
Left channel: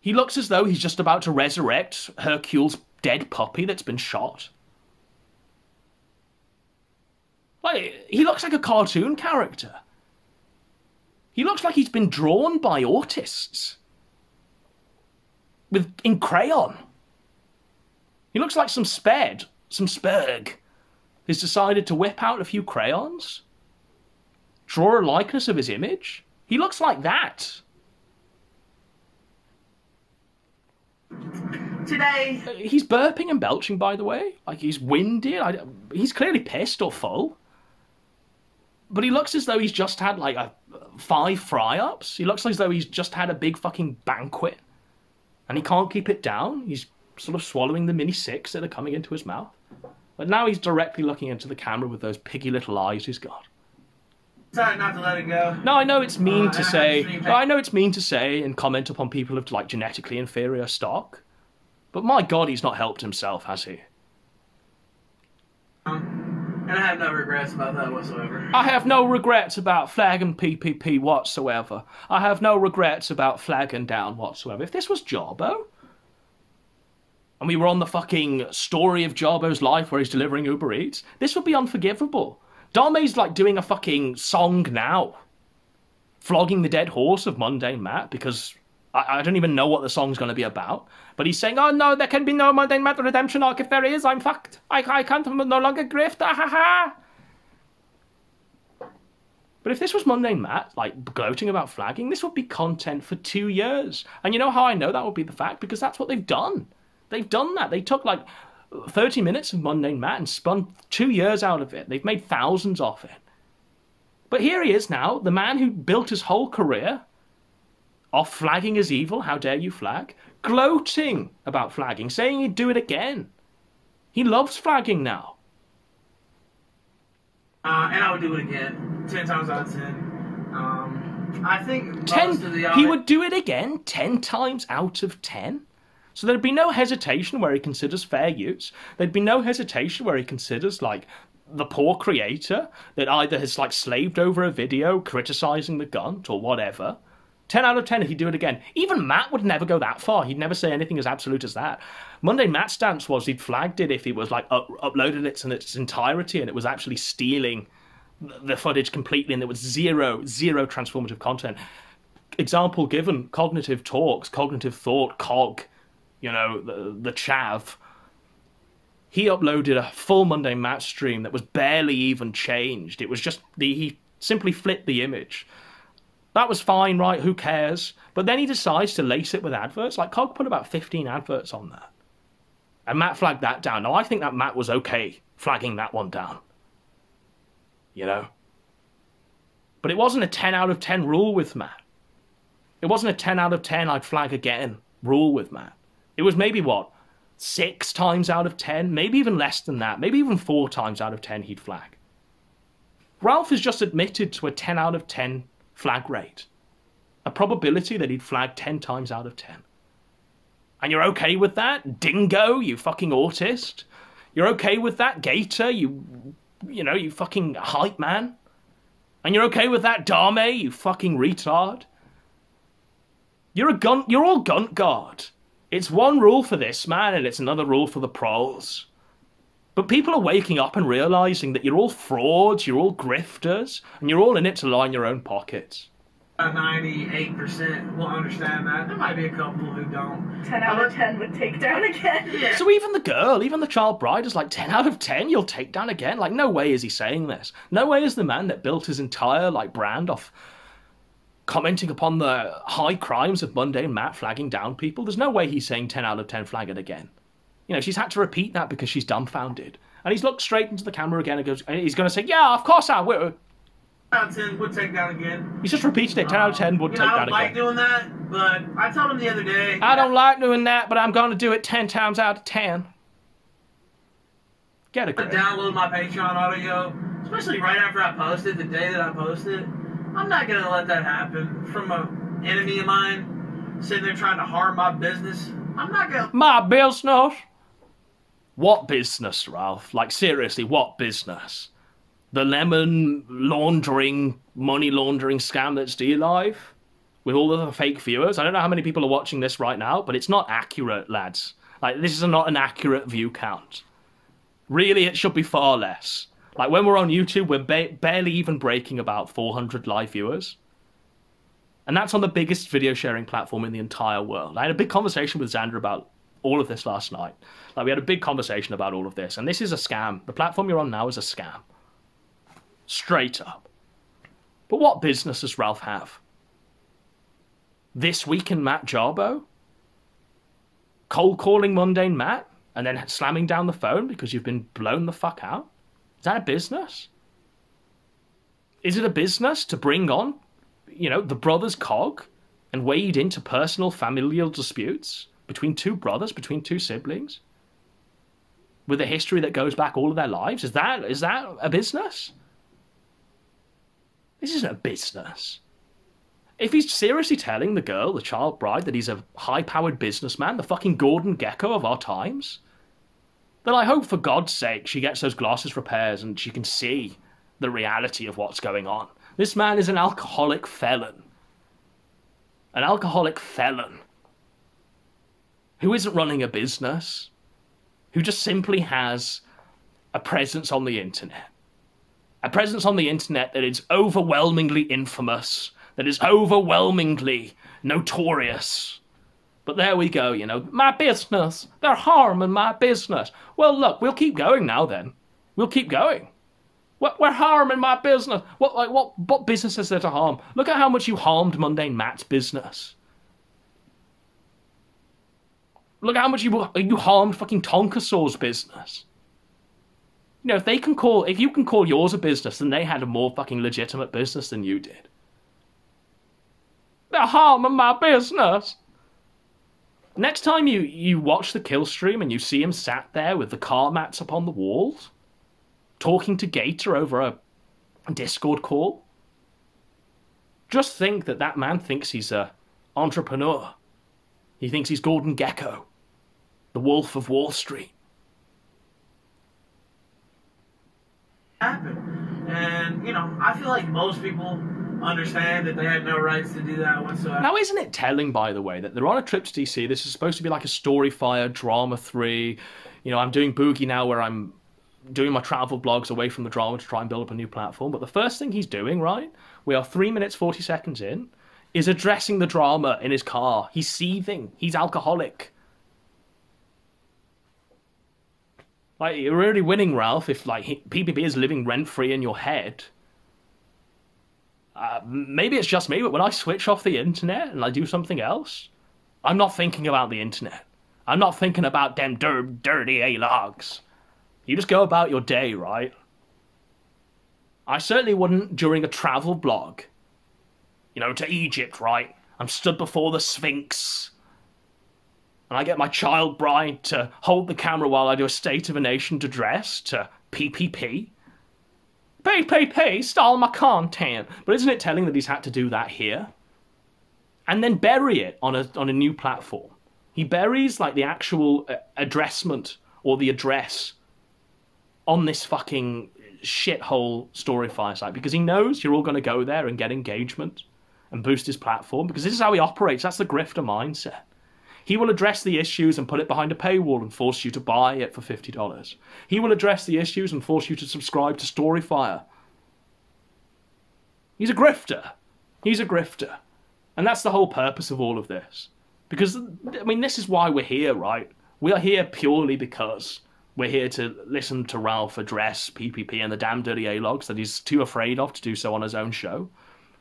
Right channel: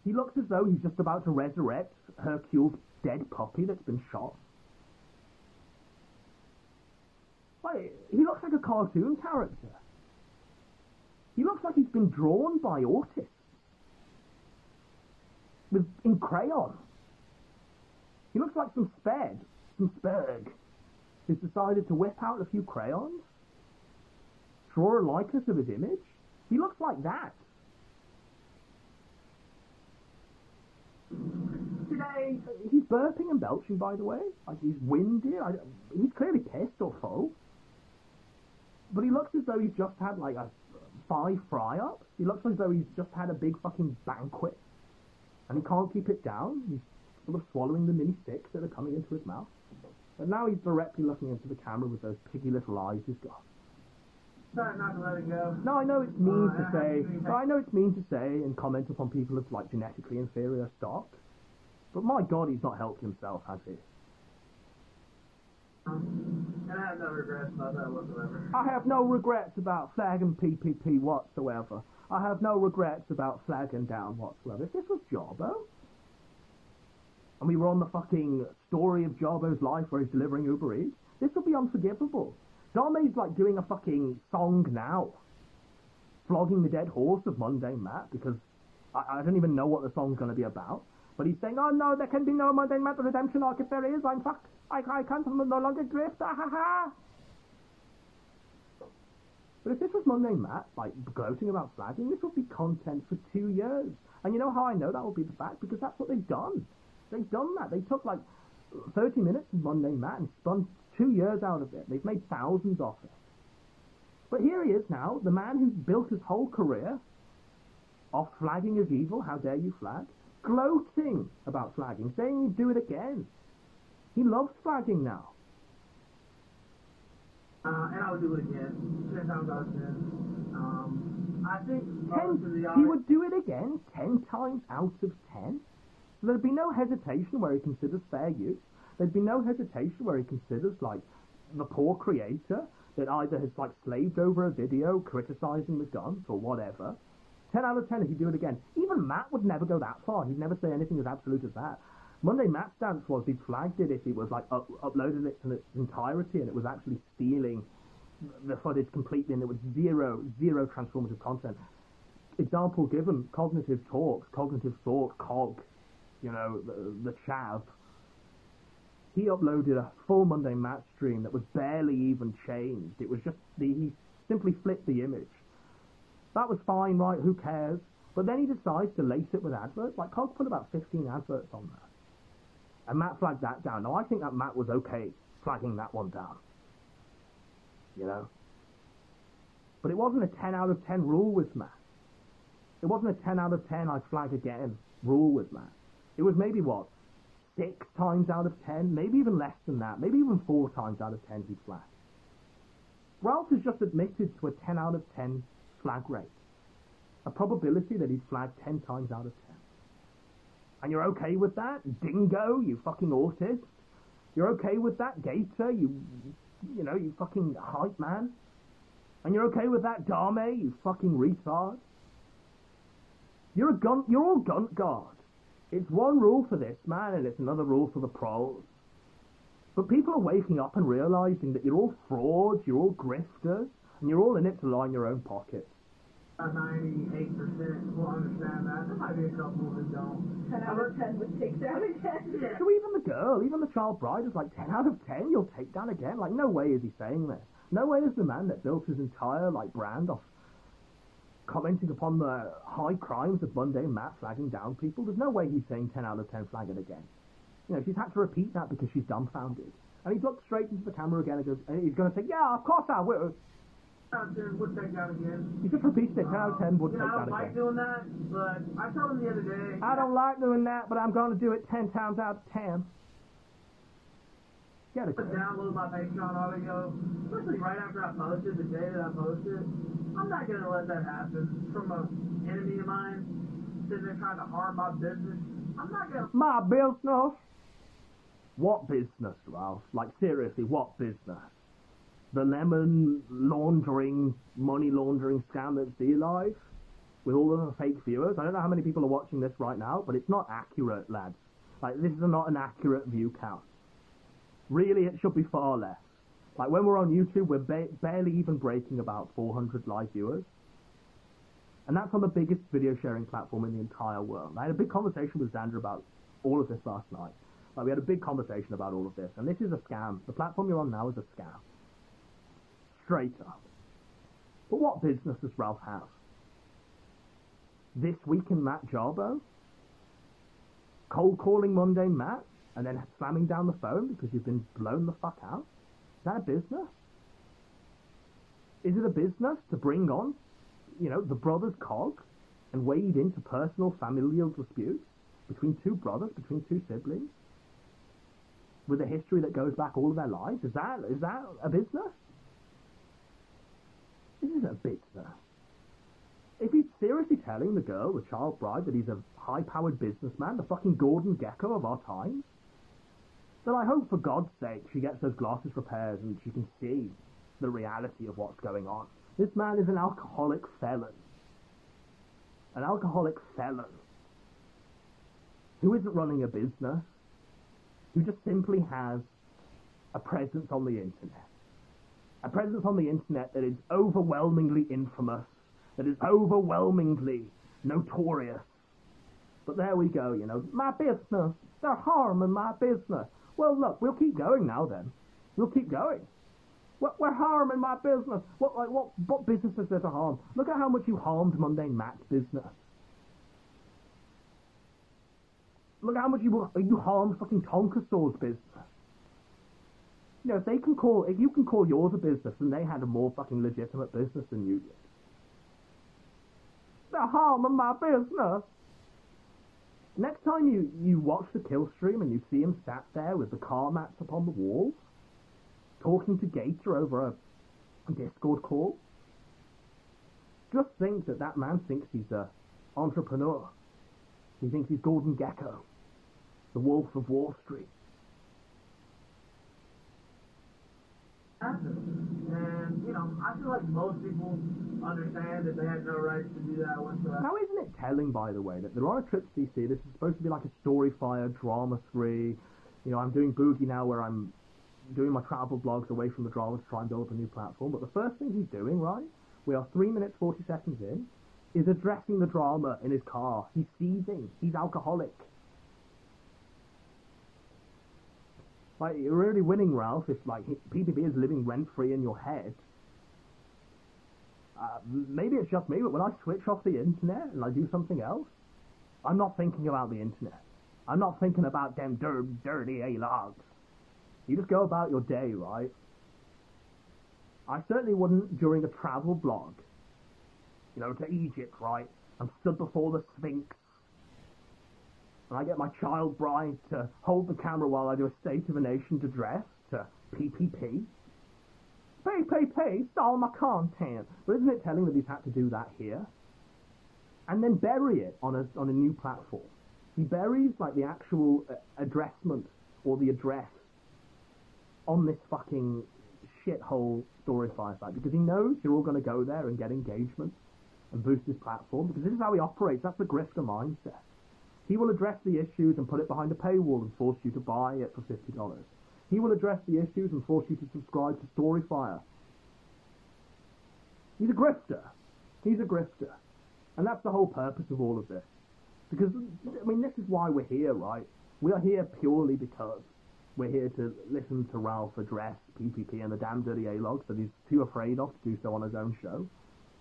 He looks as though he's just about to resurrect Hercule's dead puppy that's been shot. Like, he looks like a cartoon character. He looks like he's been drawn by autists. In crayon. He looks like some spurg, has decided to whip out a few crayons, draw a likeness of his image. He looks like that. Today. He's burping and belching, by the way. Like, he's winded. He's clearly pissed or full. But he looks as though he's just had, like, 5 fry-ups. He looks as though he's just had a big fucking banquet. And he can't keep it down. He's sort of swallowing the mini 6 that are coming into his mouth. But now he's directly looking into the camera with those piggy little eyes he's got. Sorry not to let it go. No, I know it's mean to say. I know it's mean to say and comment upon people of, like, genetically inferior stock. But my God, he's not helped himself, has he? And I have no regrets about that whatsoever. I have no regrets about flagging PPP whatsoever. I have no regrets about flagging down whatsoever. If this was Jarbo, and we were on the fucking story of Jarbo's life where he's delivering Uber Eats, this would be unforgivable. Dame's like doing a fucking song now, flogging the dead horse of Mundane Matt, because I don't even know what the song's going to be about. But he's saying, oh no, there can be no Mundane Matt redemption arc. If there is, I'm fucked. I can't no longer grift. Ah, ha, ha. But if this was Mundane Matt, like, gloating about flagging, this would be content for 2 years. And you know how I know that would be the fact? Because that's what they've done. They've done that. They took, like, 30 minutes of Mundane Matt and spun 2 years out of it. They've made thousands off it. But here he is now, the man who built his whole career off flagging is evil, how dare you flag, gloating about flagging, saying he'd do it again. He loves flagging now. And I would do it again, 10 times out of 10. I think 10, he would do it again 10 times out of 10. So there'd be no hesitation where he considers fair use. There'd be no hesitation where he considers, like, the poor creator that either has, like, slaved over a video criticizing the Gunt or whatever. 10 out of 10 if he'd do it again. Even Matt would never go that far. He'd never say anything as absolute as that. Mundane Matt's stance was he'd flagged it if he was, like, uploaded it in its entirety and it was actually stealing the footage completely and there was zero transformative content. Example given, Cognitive Talks, Cognitive Thought, COG, you know, the chav. He uploaded a full Mundane Matt stream that was barely even changed. It was just, he simply flipped the image. That was fine, right? Who cares? But then he decides to lace it with adverts. Like, COG put about 15 adverts on that. And Matt flagged that down. Now, I think that Matt was okay flagging that one down. You know? But it wasn't a 10 out of 10 rule with Matt. It wasn't a 10 out of 10 I'd flag again rule with Matt. It was maybe, 6 times out of 10? Maybe even less than that. Maybe even 4 times out of 10 he'd flag. Ralph has just admitted to a 10 out of 10 flag rate. A probability that he'd flag 10 times out of 10. And you're okay with that? Dingo, you fucking autist? You're okay with that? Gator, you fucking hype man? And you're okay with that? Dame, you fucking retard? You're all Gunt guard. It's one rule for this man and it's another rule for the pros. But people are waking up and realizing that you're all frauds, you're all grifters, and you're all in it to line your own pockets. 98% will understand that. There might be a couple who don't. 10 out of 10 would take down again. Yeah. So even the girl, even the child bride is like, 10 out of 10 you'll take down again? Like, no way is he saying this. No way is the man that built his entire, like, brand off commenting upon the high crimes of Mundane Matt flagging down people. There's no way he's saying 10 out of 10 flag it again. You know, she's had to repeat that because she's dumbfounded. And he's looked straight into the camera again and he's going to say, yeah, of course I will. 10 out of 10 would take down again. He's just repeated it. 10 out of 10 would take I down don't like again. doing that, But I told him the other day. I don't like doing that, but I'm gonna do it 10 times out of 10. Get a grip. Download my Patreon audio, especially right after I posted, the day that I posted. I'm not gonna let that happen from an enemy of mine sitting there trying to harm my business. I'm not gonna. My business? What business, Ralph? Like, seriously, what business? The lemon laundering, money laundering scam that's DLive? With all of the fake viewers? I don't know how many people are watching this right now, but it's not accurate, lads. Like, this is not an accurate view count. Really, it should be far less. Like, when we're on YouTube, we're barely even breaking about 400 live viewers. And that's on the biggest video sharing platform in the entire world. I had a big conversation with Xander about all of this last night. Like, we had a big conversation about all of this. And this is a scam. The platform you're on now is a scam. Straight up. But what business does Ralph have? This Week in Matt Jarbo? Cold calling Mundane Matt? And then slamming down the phone because you've been blown the fuck out? Is that a business? Is it a business to bring on, you know, the brothers Cog and wade into personal familial disputes between two brothers, between two siblings, with a history that goes back all of their lives? Is that a business? This isn't a business. If he's seriously telling the girl, the child bride, that he's a high-powered businessman, the fucking Gordon Gekko of our times, then I hope for God's sake she gets those glasses repairs and she can see the reality of what's going on. This man is an alcoholic felon. An alcoholic felon who isn't running a business, who just simply has a presence on the internet. A presence on the internet that is overwhelmingly infamous, that is overwhelmingly notorious. But there we go, you know, my business, they're harming my business. Well, look, we'll keep going now then. We'll keep going. We're harming my business. What business is there to harm? Look at how much you harmed Mundane Matt's business. Look at how much you harmed fucking Tonkasaw's business. You know, if you can call yours a business, then they had a more fucking legitimate business than you did. They're harming my business. Next time you watch the kill stream and you see him sat there with the car mats up on the walls, talking to Gator over a Discord call, just think that man thinks he's a entrepreneur. He thinks he's Gordon Gekko, the Wolf of Wall Street. And, you know, I feel like most people understand that they had no rights to do that whatsoever. Now, isn't it telling, by the way, that they're on a trip to DC? This is supposed to be like a Storyfire, Drama 3. You know, I'm doing Boogie now where I'm doing my travel blogs away from the drama to try and build up a new platform. But the first thing he's doing, right, we are 3 minutes, 40 seconds in, is addressing the drama in his car. He's seething. He's alcoholic. Like, you're really winning, Ralph, if, like, PPP is living rent-free in your head. Maybe it's just me, but when I switch off the internet and I do something else, I'm not thinking about the internet. I'm not thinking about them dirty A-logs. You just go about your day, right? I certainly wouldn't during a travel blog. You know, to Egypt, right? I'm stood before the Sphinx. And I get my child bride to hold the camera while I do a State of a Nation address to PPP. PPP stole my content. But isn't it telling that he's had to do that here? And then bury it on a new platform. He buries, like, the actual addressment or the address on this fucking shithole Storyfire site because he knows you're all going to go there and get engagement and boost his platform because this is how he operates. That's the grifter mindset. He will address the issues and put it behind a paywall and force you to buy it for $50. He will address the issues and force you to subscribe to Storyfire. He's a grifter. He's a grifter. And that's the whole purpose of all of this. Because, I mean, this is why we're here, right? We are here purely because we're here to listen to Ralph address PPP and the damn dirty A-logs that he's too afraid of to do so on his own show,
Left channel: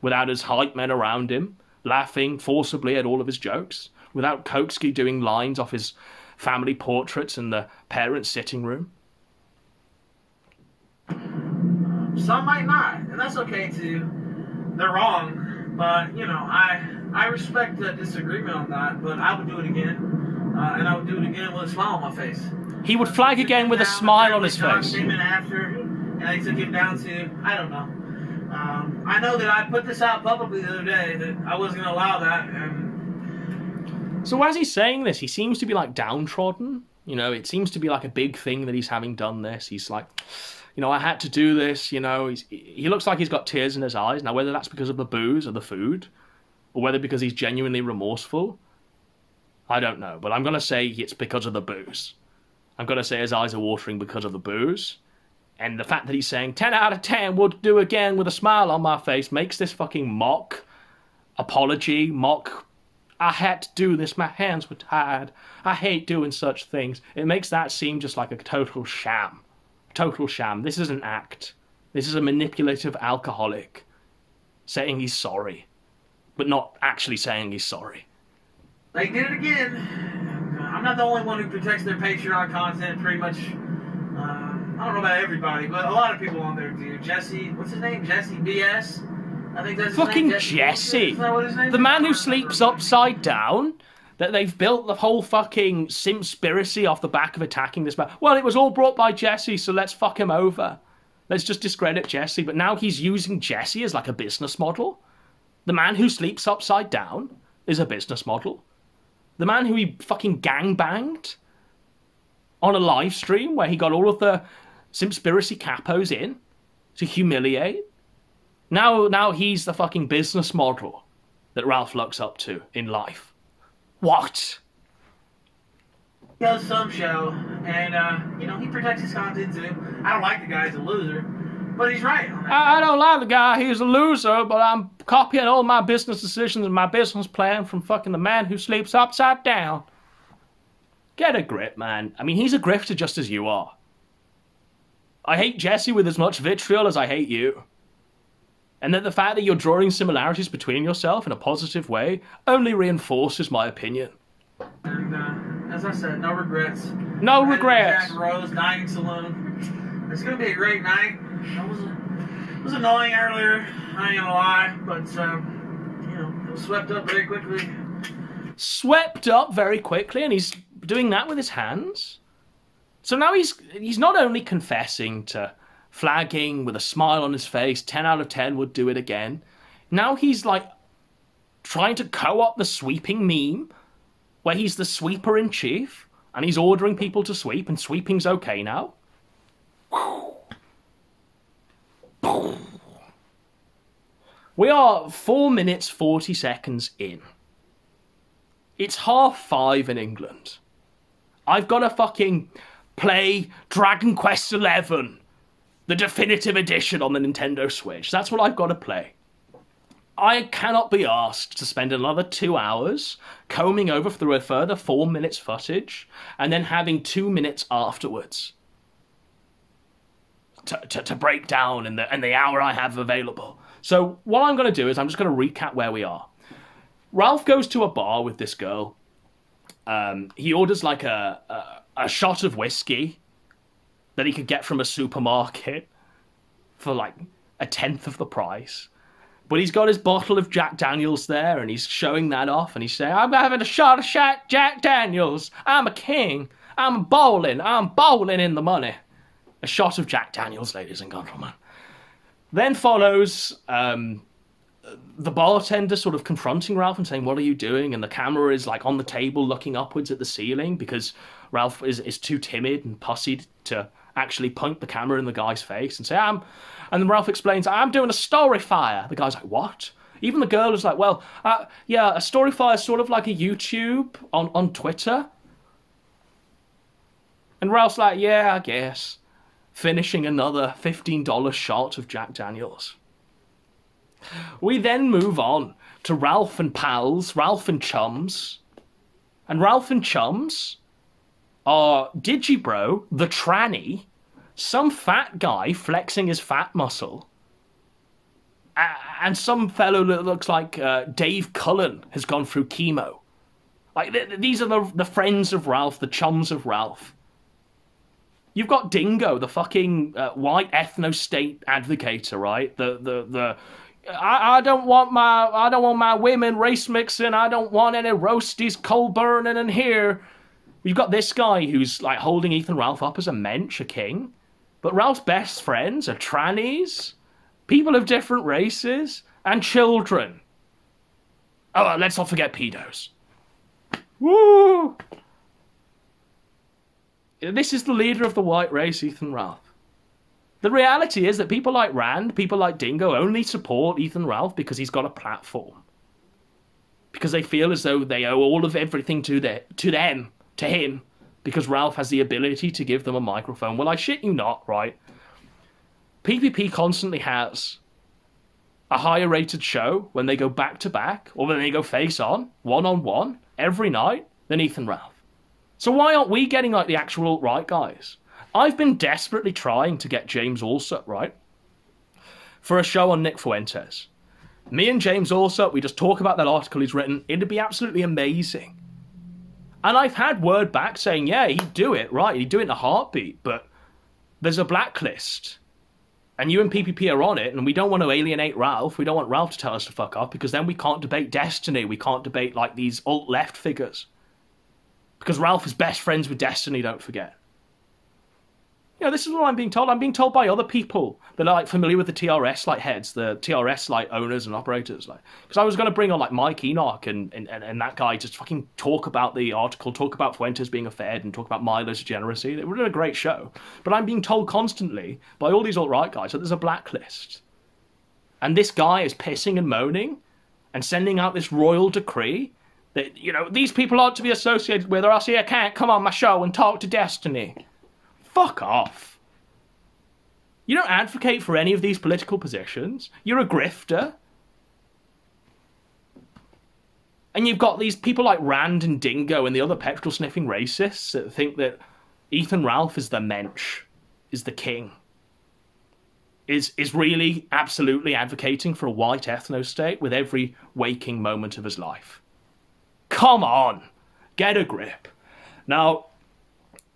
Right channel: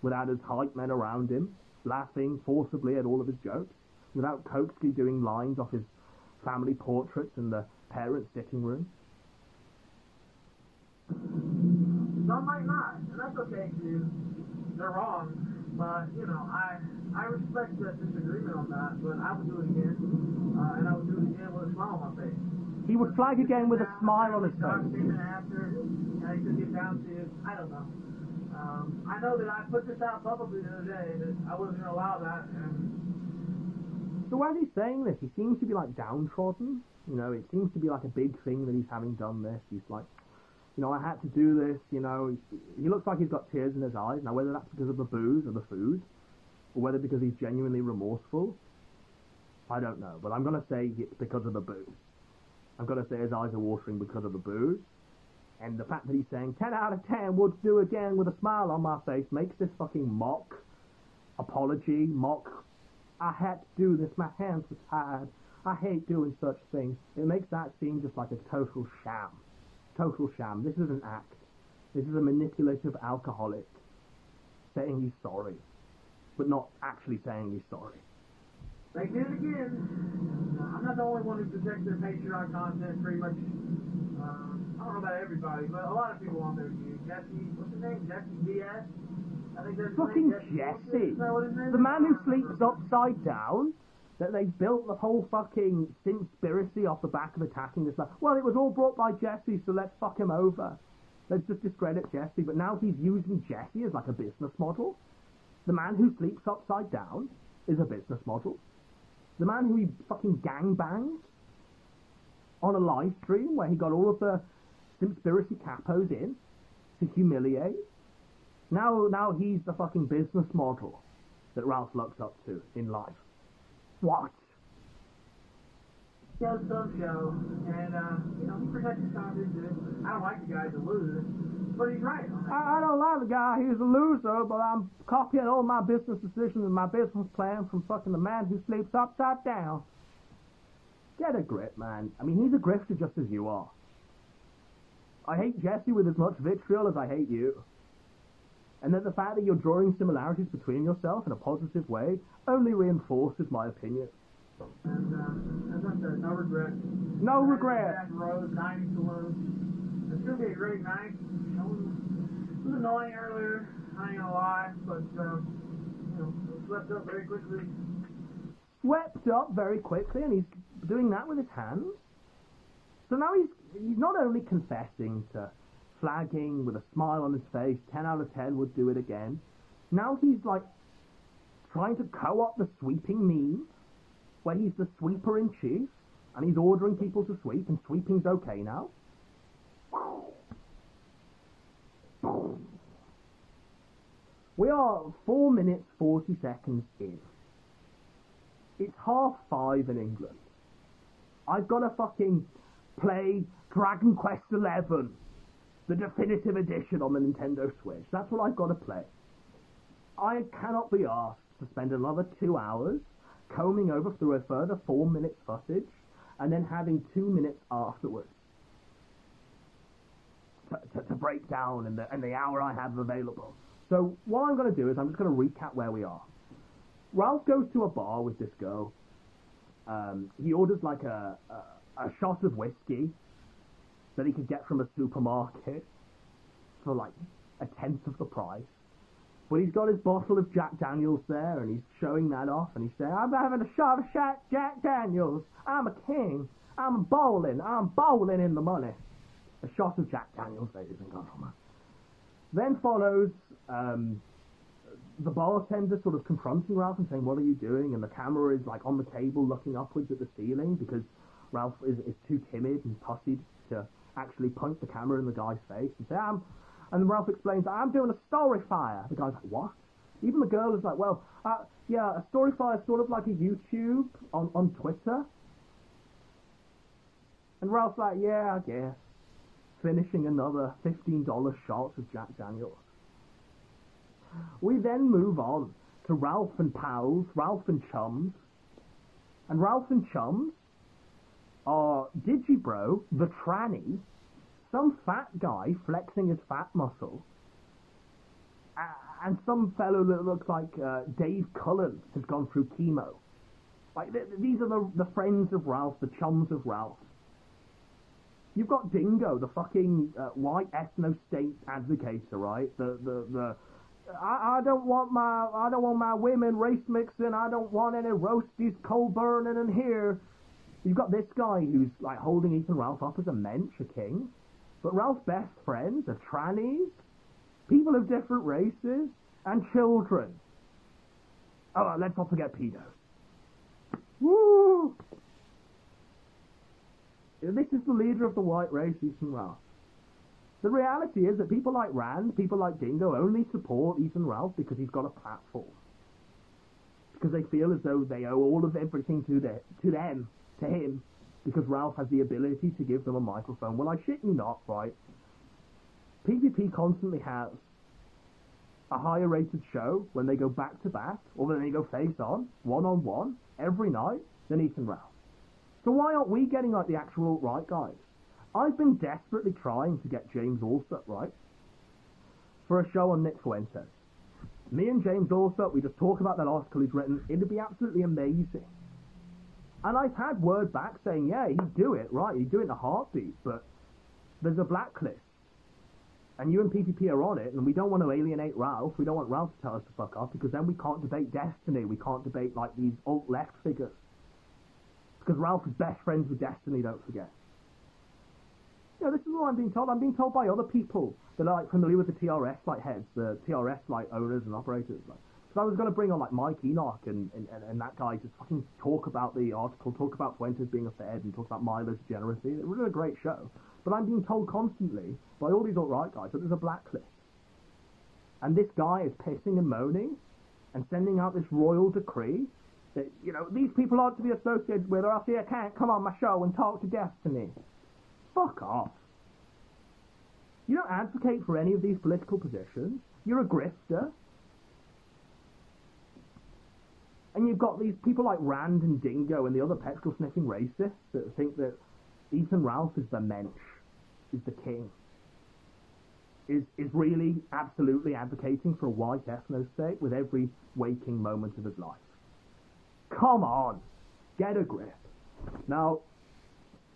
without his hype men around him, laughing forcibly at all of his jokes, without Koksky doing lines off his family portraits in the parents' sitting room. Some might not, and that's okay too. They're wrong, but, you know, I I respect the disagreement on that, but I would do it again, and I would do it again with a smile on my face. He would flag again with a smile on his face. After, and they took him down to, I don't know. I know that I put this out publicly the other day that I wasn't going to allow that. And so as he's saying this, he seems to be like downtrodden. You know, it seems to be like a big thing that he's having done this. He's like, you know, I had to do this. You know, he looks like he's got tears in his eyes. Now, whether that's because of the booze or the food, or whether because he's genuinely remorseful, I don't know. But I'm going to say it's because of the booze. I'm going to say his eyes are watering because of the booze. And the fact that he's saying 10 out of 10 would do again with a smile on my face makes this fucking mock apology, mock, I had to do this, my hands were tired, I hate doing such things. It makes that seem just like a total sham. Total sham. This is an act. This is a manipulative alcoholic saying he's sorry, but not actually saying he's sorry. They did it again. I'm not the only one who protects their Patreon content, pretty much. I don't know about everybody, but a lot of people on there do. Jesse, what's his name? Jesse BS? I think that's his fucking name. Jesse. Isn't that what his name The is? man who sleeps upside down, that they've built the whole fucking Simpspiracy off the back of attacking this man. Well, it was all brought by Jesse, so let's fuck him over. Let's just discredit Jesse. But now he's using Jesse as like a business model. The man who sleeps upside down is a business model. The man who he fucking gangbanged on a live stream where he got all of the Simpspiracy capos in to humiliate. Now he's the fucking business model that Ralph looks up to in life. What? He does some show, and, you know, he protects his content too. I don't like the guy, he's a loser, but he's right on that. I don't like the guy, he's a loser, but I'm copying all my business decisions and my business plan from fucking the man who sleeps upside down. Get a grip, man. I mean, he's a grifter just as you are. I hate Jesse with as much vitriol as I hate you. And that the fact that you're drawing similarities between yourself in a positive way only reinforces my opinion. And, as I said, no regrets. No regrets. Jack Rose Dining Saloon. It's going to be a great night. It was annoying earlier, I ain't gonna lie, but, you know, it was swept up very quickly. Swept up very quickly, and he's doing that with his hands? So now he's not only confessing to flagging with a smile on his face, 10 out of 10 would do it again. Now he's like trying to co-opt the sweeping meme where he's the sweeper in chief and he's ordering people to sweep and sweeping's okay now. We are 4 minutes 40 seconds in. It's 5:30 in England. I've got to fucking play Dragon Quest XI, the definitive edition on the Nintendo Switch. That's what I've got to play. I cannot be asked to spend another 2 hours combing over through a further 4 minutes footage and then having 2 minutes afterwards to break down in the hour I have available. So what I'm going to do is I'm just going to recap where we are. Ralph goes to a bar with this girl. He orders like a shot of whiskey that he could get from a supermarket for like 1/10 of the price. But he's got his bottle of Jack Daniels there and he's showing that off and he's saying, I'm having a shot of Jack Daniels. I'm a king. I'm bowling in the money. A shot of Jack Daniels, ladies and gentlemen. Then follows the bartender sort of confronting Ralph and saying, what are you doing? And the camera is like on the table looking upwards at the ceiling because Ralph is too timid and pussied to actually point the camera in the guy's face and say, and then Ralph explains, I'm doing a story fire. The guy's like, what? Even the girl is like, well, yeah, a story fire is sort of like a YouTube on Twitter. And Ralph's like, yeah, I guess. Finishing another $15 shot of Jack Daniels. We then move on to Ralph and pals, Ralph and chums. And Ralph and chums are Digibro, the tranny, some fat guy flexing his fat muscle, and some fellow that looks like Dave Cullen has gone through chemo. Like, these are the friends of Ralph, the chums of Ralph. You've got Dingo, the fucking white ethno-state advocator, right? The I don't want my women race mixing. I don't want any roasties coal burning in here. We've got this guy who's like holding Ethan Ralph up as a mensch, a king. But Ralph's best friends are trannies, people of different races, and children. Oh, let's not forget pedos. Woo! This is the leader of the white race, Ethan Ralph. The reality is that people like Rand, people like Dingo only support Ethan Ralph because he's got a platform. Because they feel as though they owe all of everything to him, because Ralph has the ability to give them a microphone. Well, I shit you not, right? PvP constantly has a higher rated show when they go back to back, or when they go face on, one, every night, than Ethan Ralph. So why aren't we getting like the actual alt-right guys? I've been desperately trying to get James Allsup, right, for a show on Nick Fuentes. Me and James Allsup, we just talk about that article he's written. It'd be absolutely amazing. And I've had word back saying, yeah, he'd do it, right, he'd do it in a heartbeat, but there's a blacklist. And you and PPP are on it, and we don't want to alienate Ralph. We don't want Ralph to tell us to fuck off, because then we can't debate Destiny. We can't debate, like, these alt-left figures. Because Ralph is best friends with Destiny, don't forget. You know, this is what I'm being told. I'm being told by other people that are like familiar with the TRS like heads, the TRS like owners and operators. Like, because I was going to bring on like Mike Enoch and that guy just fucking talk about the article, talk about Fuentes being a Fed, and talk about Milo's degeneracy. It would have been a great show. But I'm being told constantly by all these alt-right guys that there's a blacklist. And this guy is pissing and moaning and sending out this royal decree that, you know, these people aren't to be associated with, or else I can't come on my show and talk to Destiny. Fuck off. You don't advocate for any of these political positions. You're a grifter. And you've got these people like Rand and Dingo and the other petrol-sniffing racists that think that Ethan Ralph is the mensch, is the king. Is really absolutely advocating for a white ethno-state with every waking moment of his life. Come on. Get a grip. Now,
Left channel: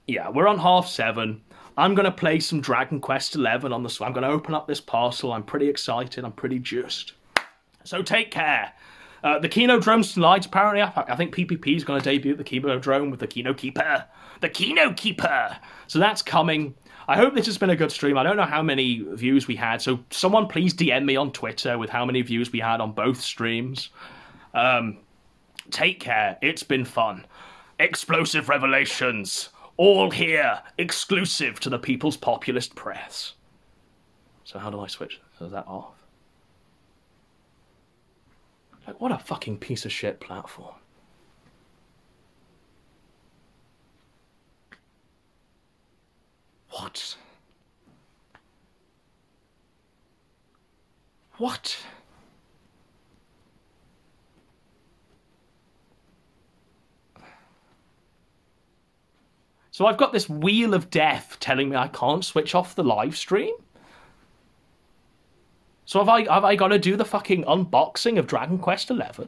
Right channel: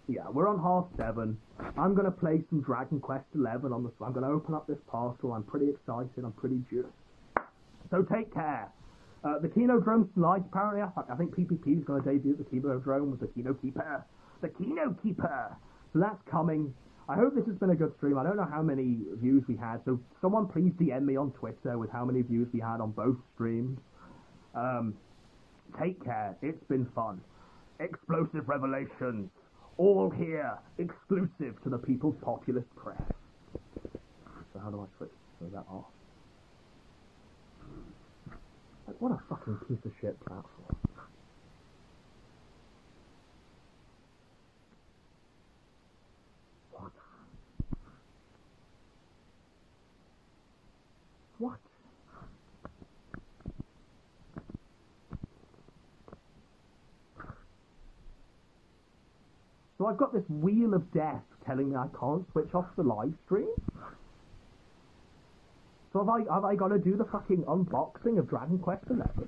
yeah, we're on 7:30. I'm going to play some Dragon Quest XI on the... I'm going to open up this parcel. I'm pretty excited. I'm pretty juiced. So take care. The Kino drone's tonight, apparently. I think PPP is going to debut the Kino drone with the Kino Keeper. The Kino Keeper! So that's coming. I hope this has been a good stream. I don't know how many views we had, so someone please DM me on Twitter with how many views we had on both streams. Take care. It's been fun. Explosive revelations. All here, exclusive to the People's Populist Press. So how do I switch that off? Like, what a fucking piece of shit platform. What? What? So I've got this wheel of death telling me I can't switch off the live stream? So have I got to do the fucking unboxing of Dragon Quest XI?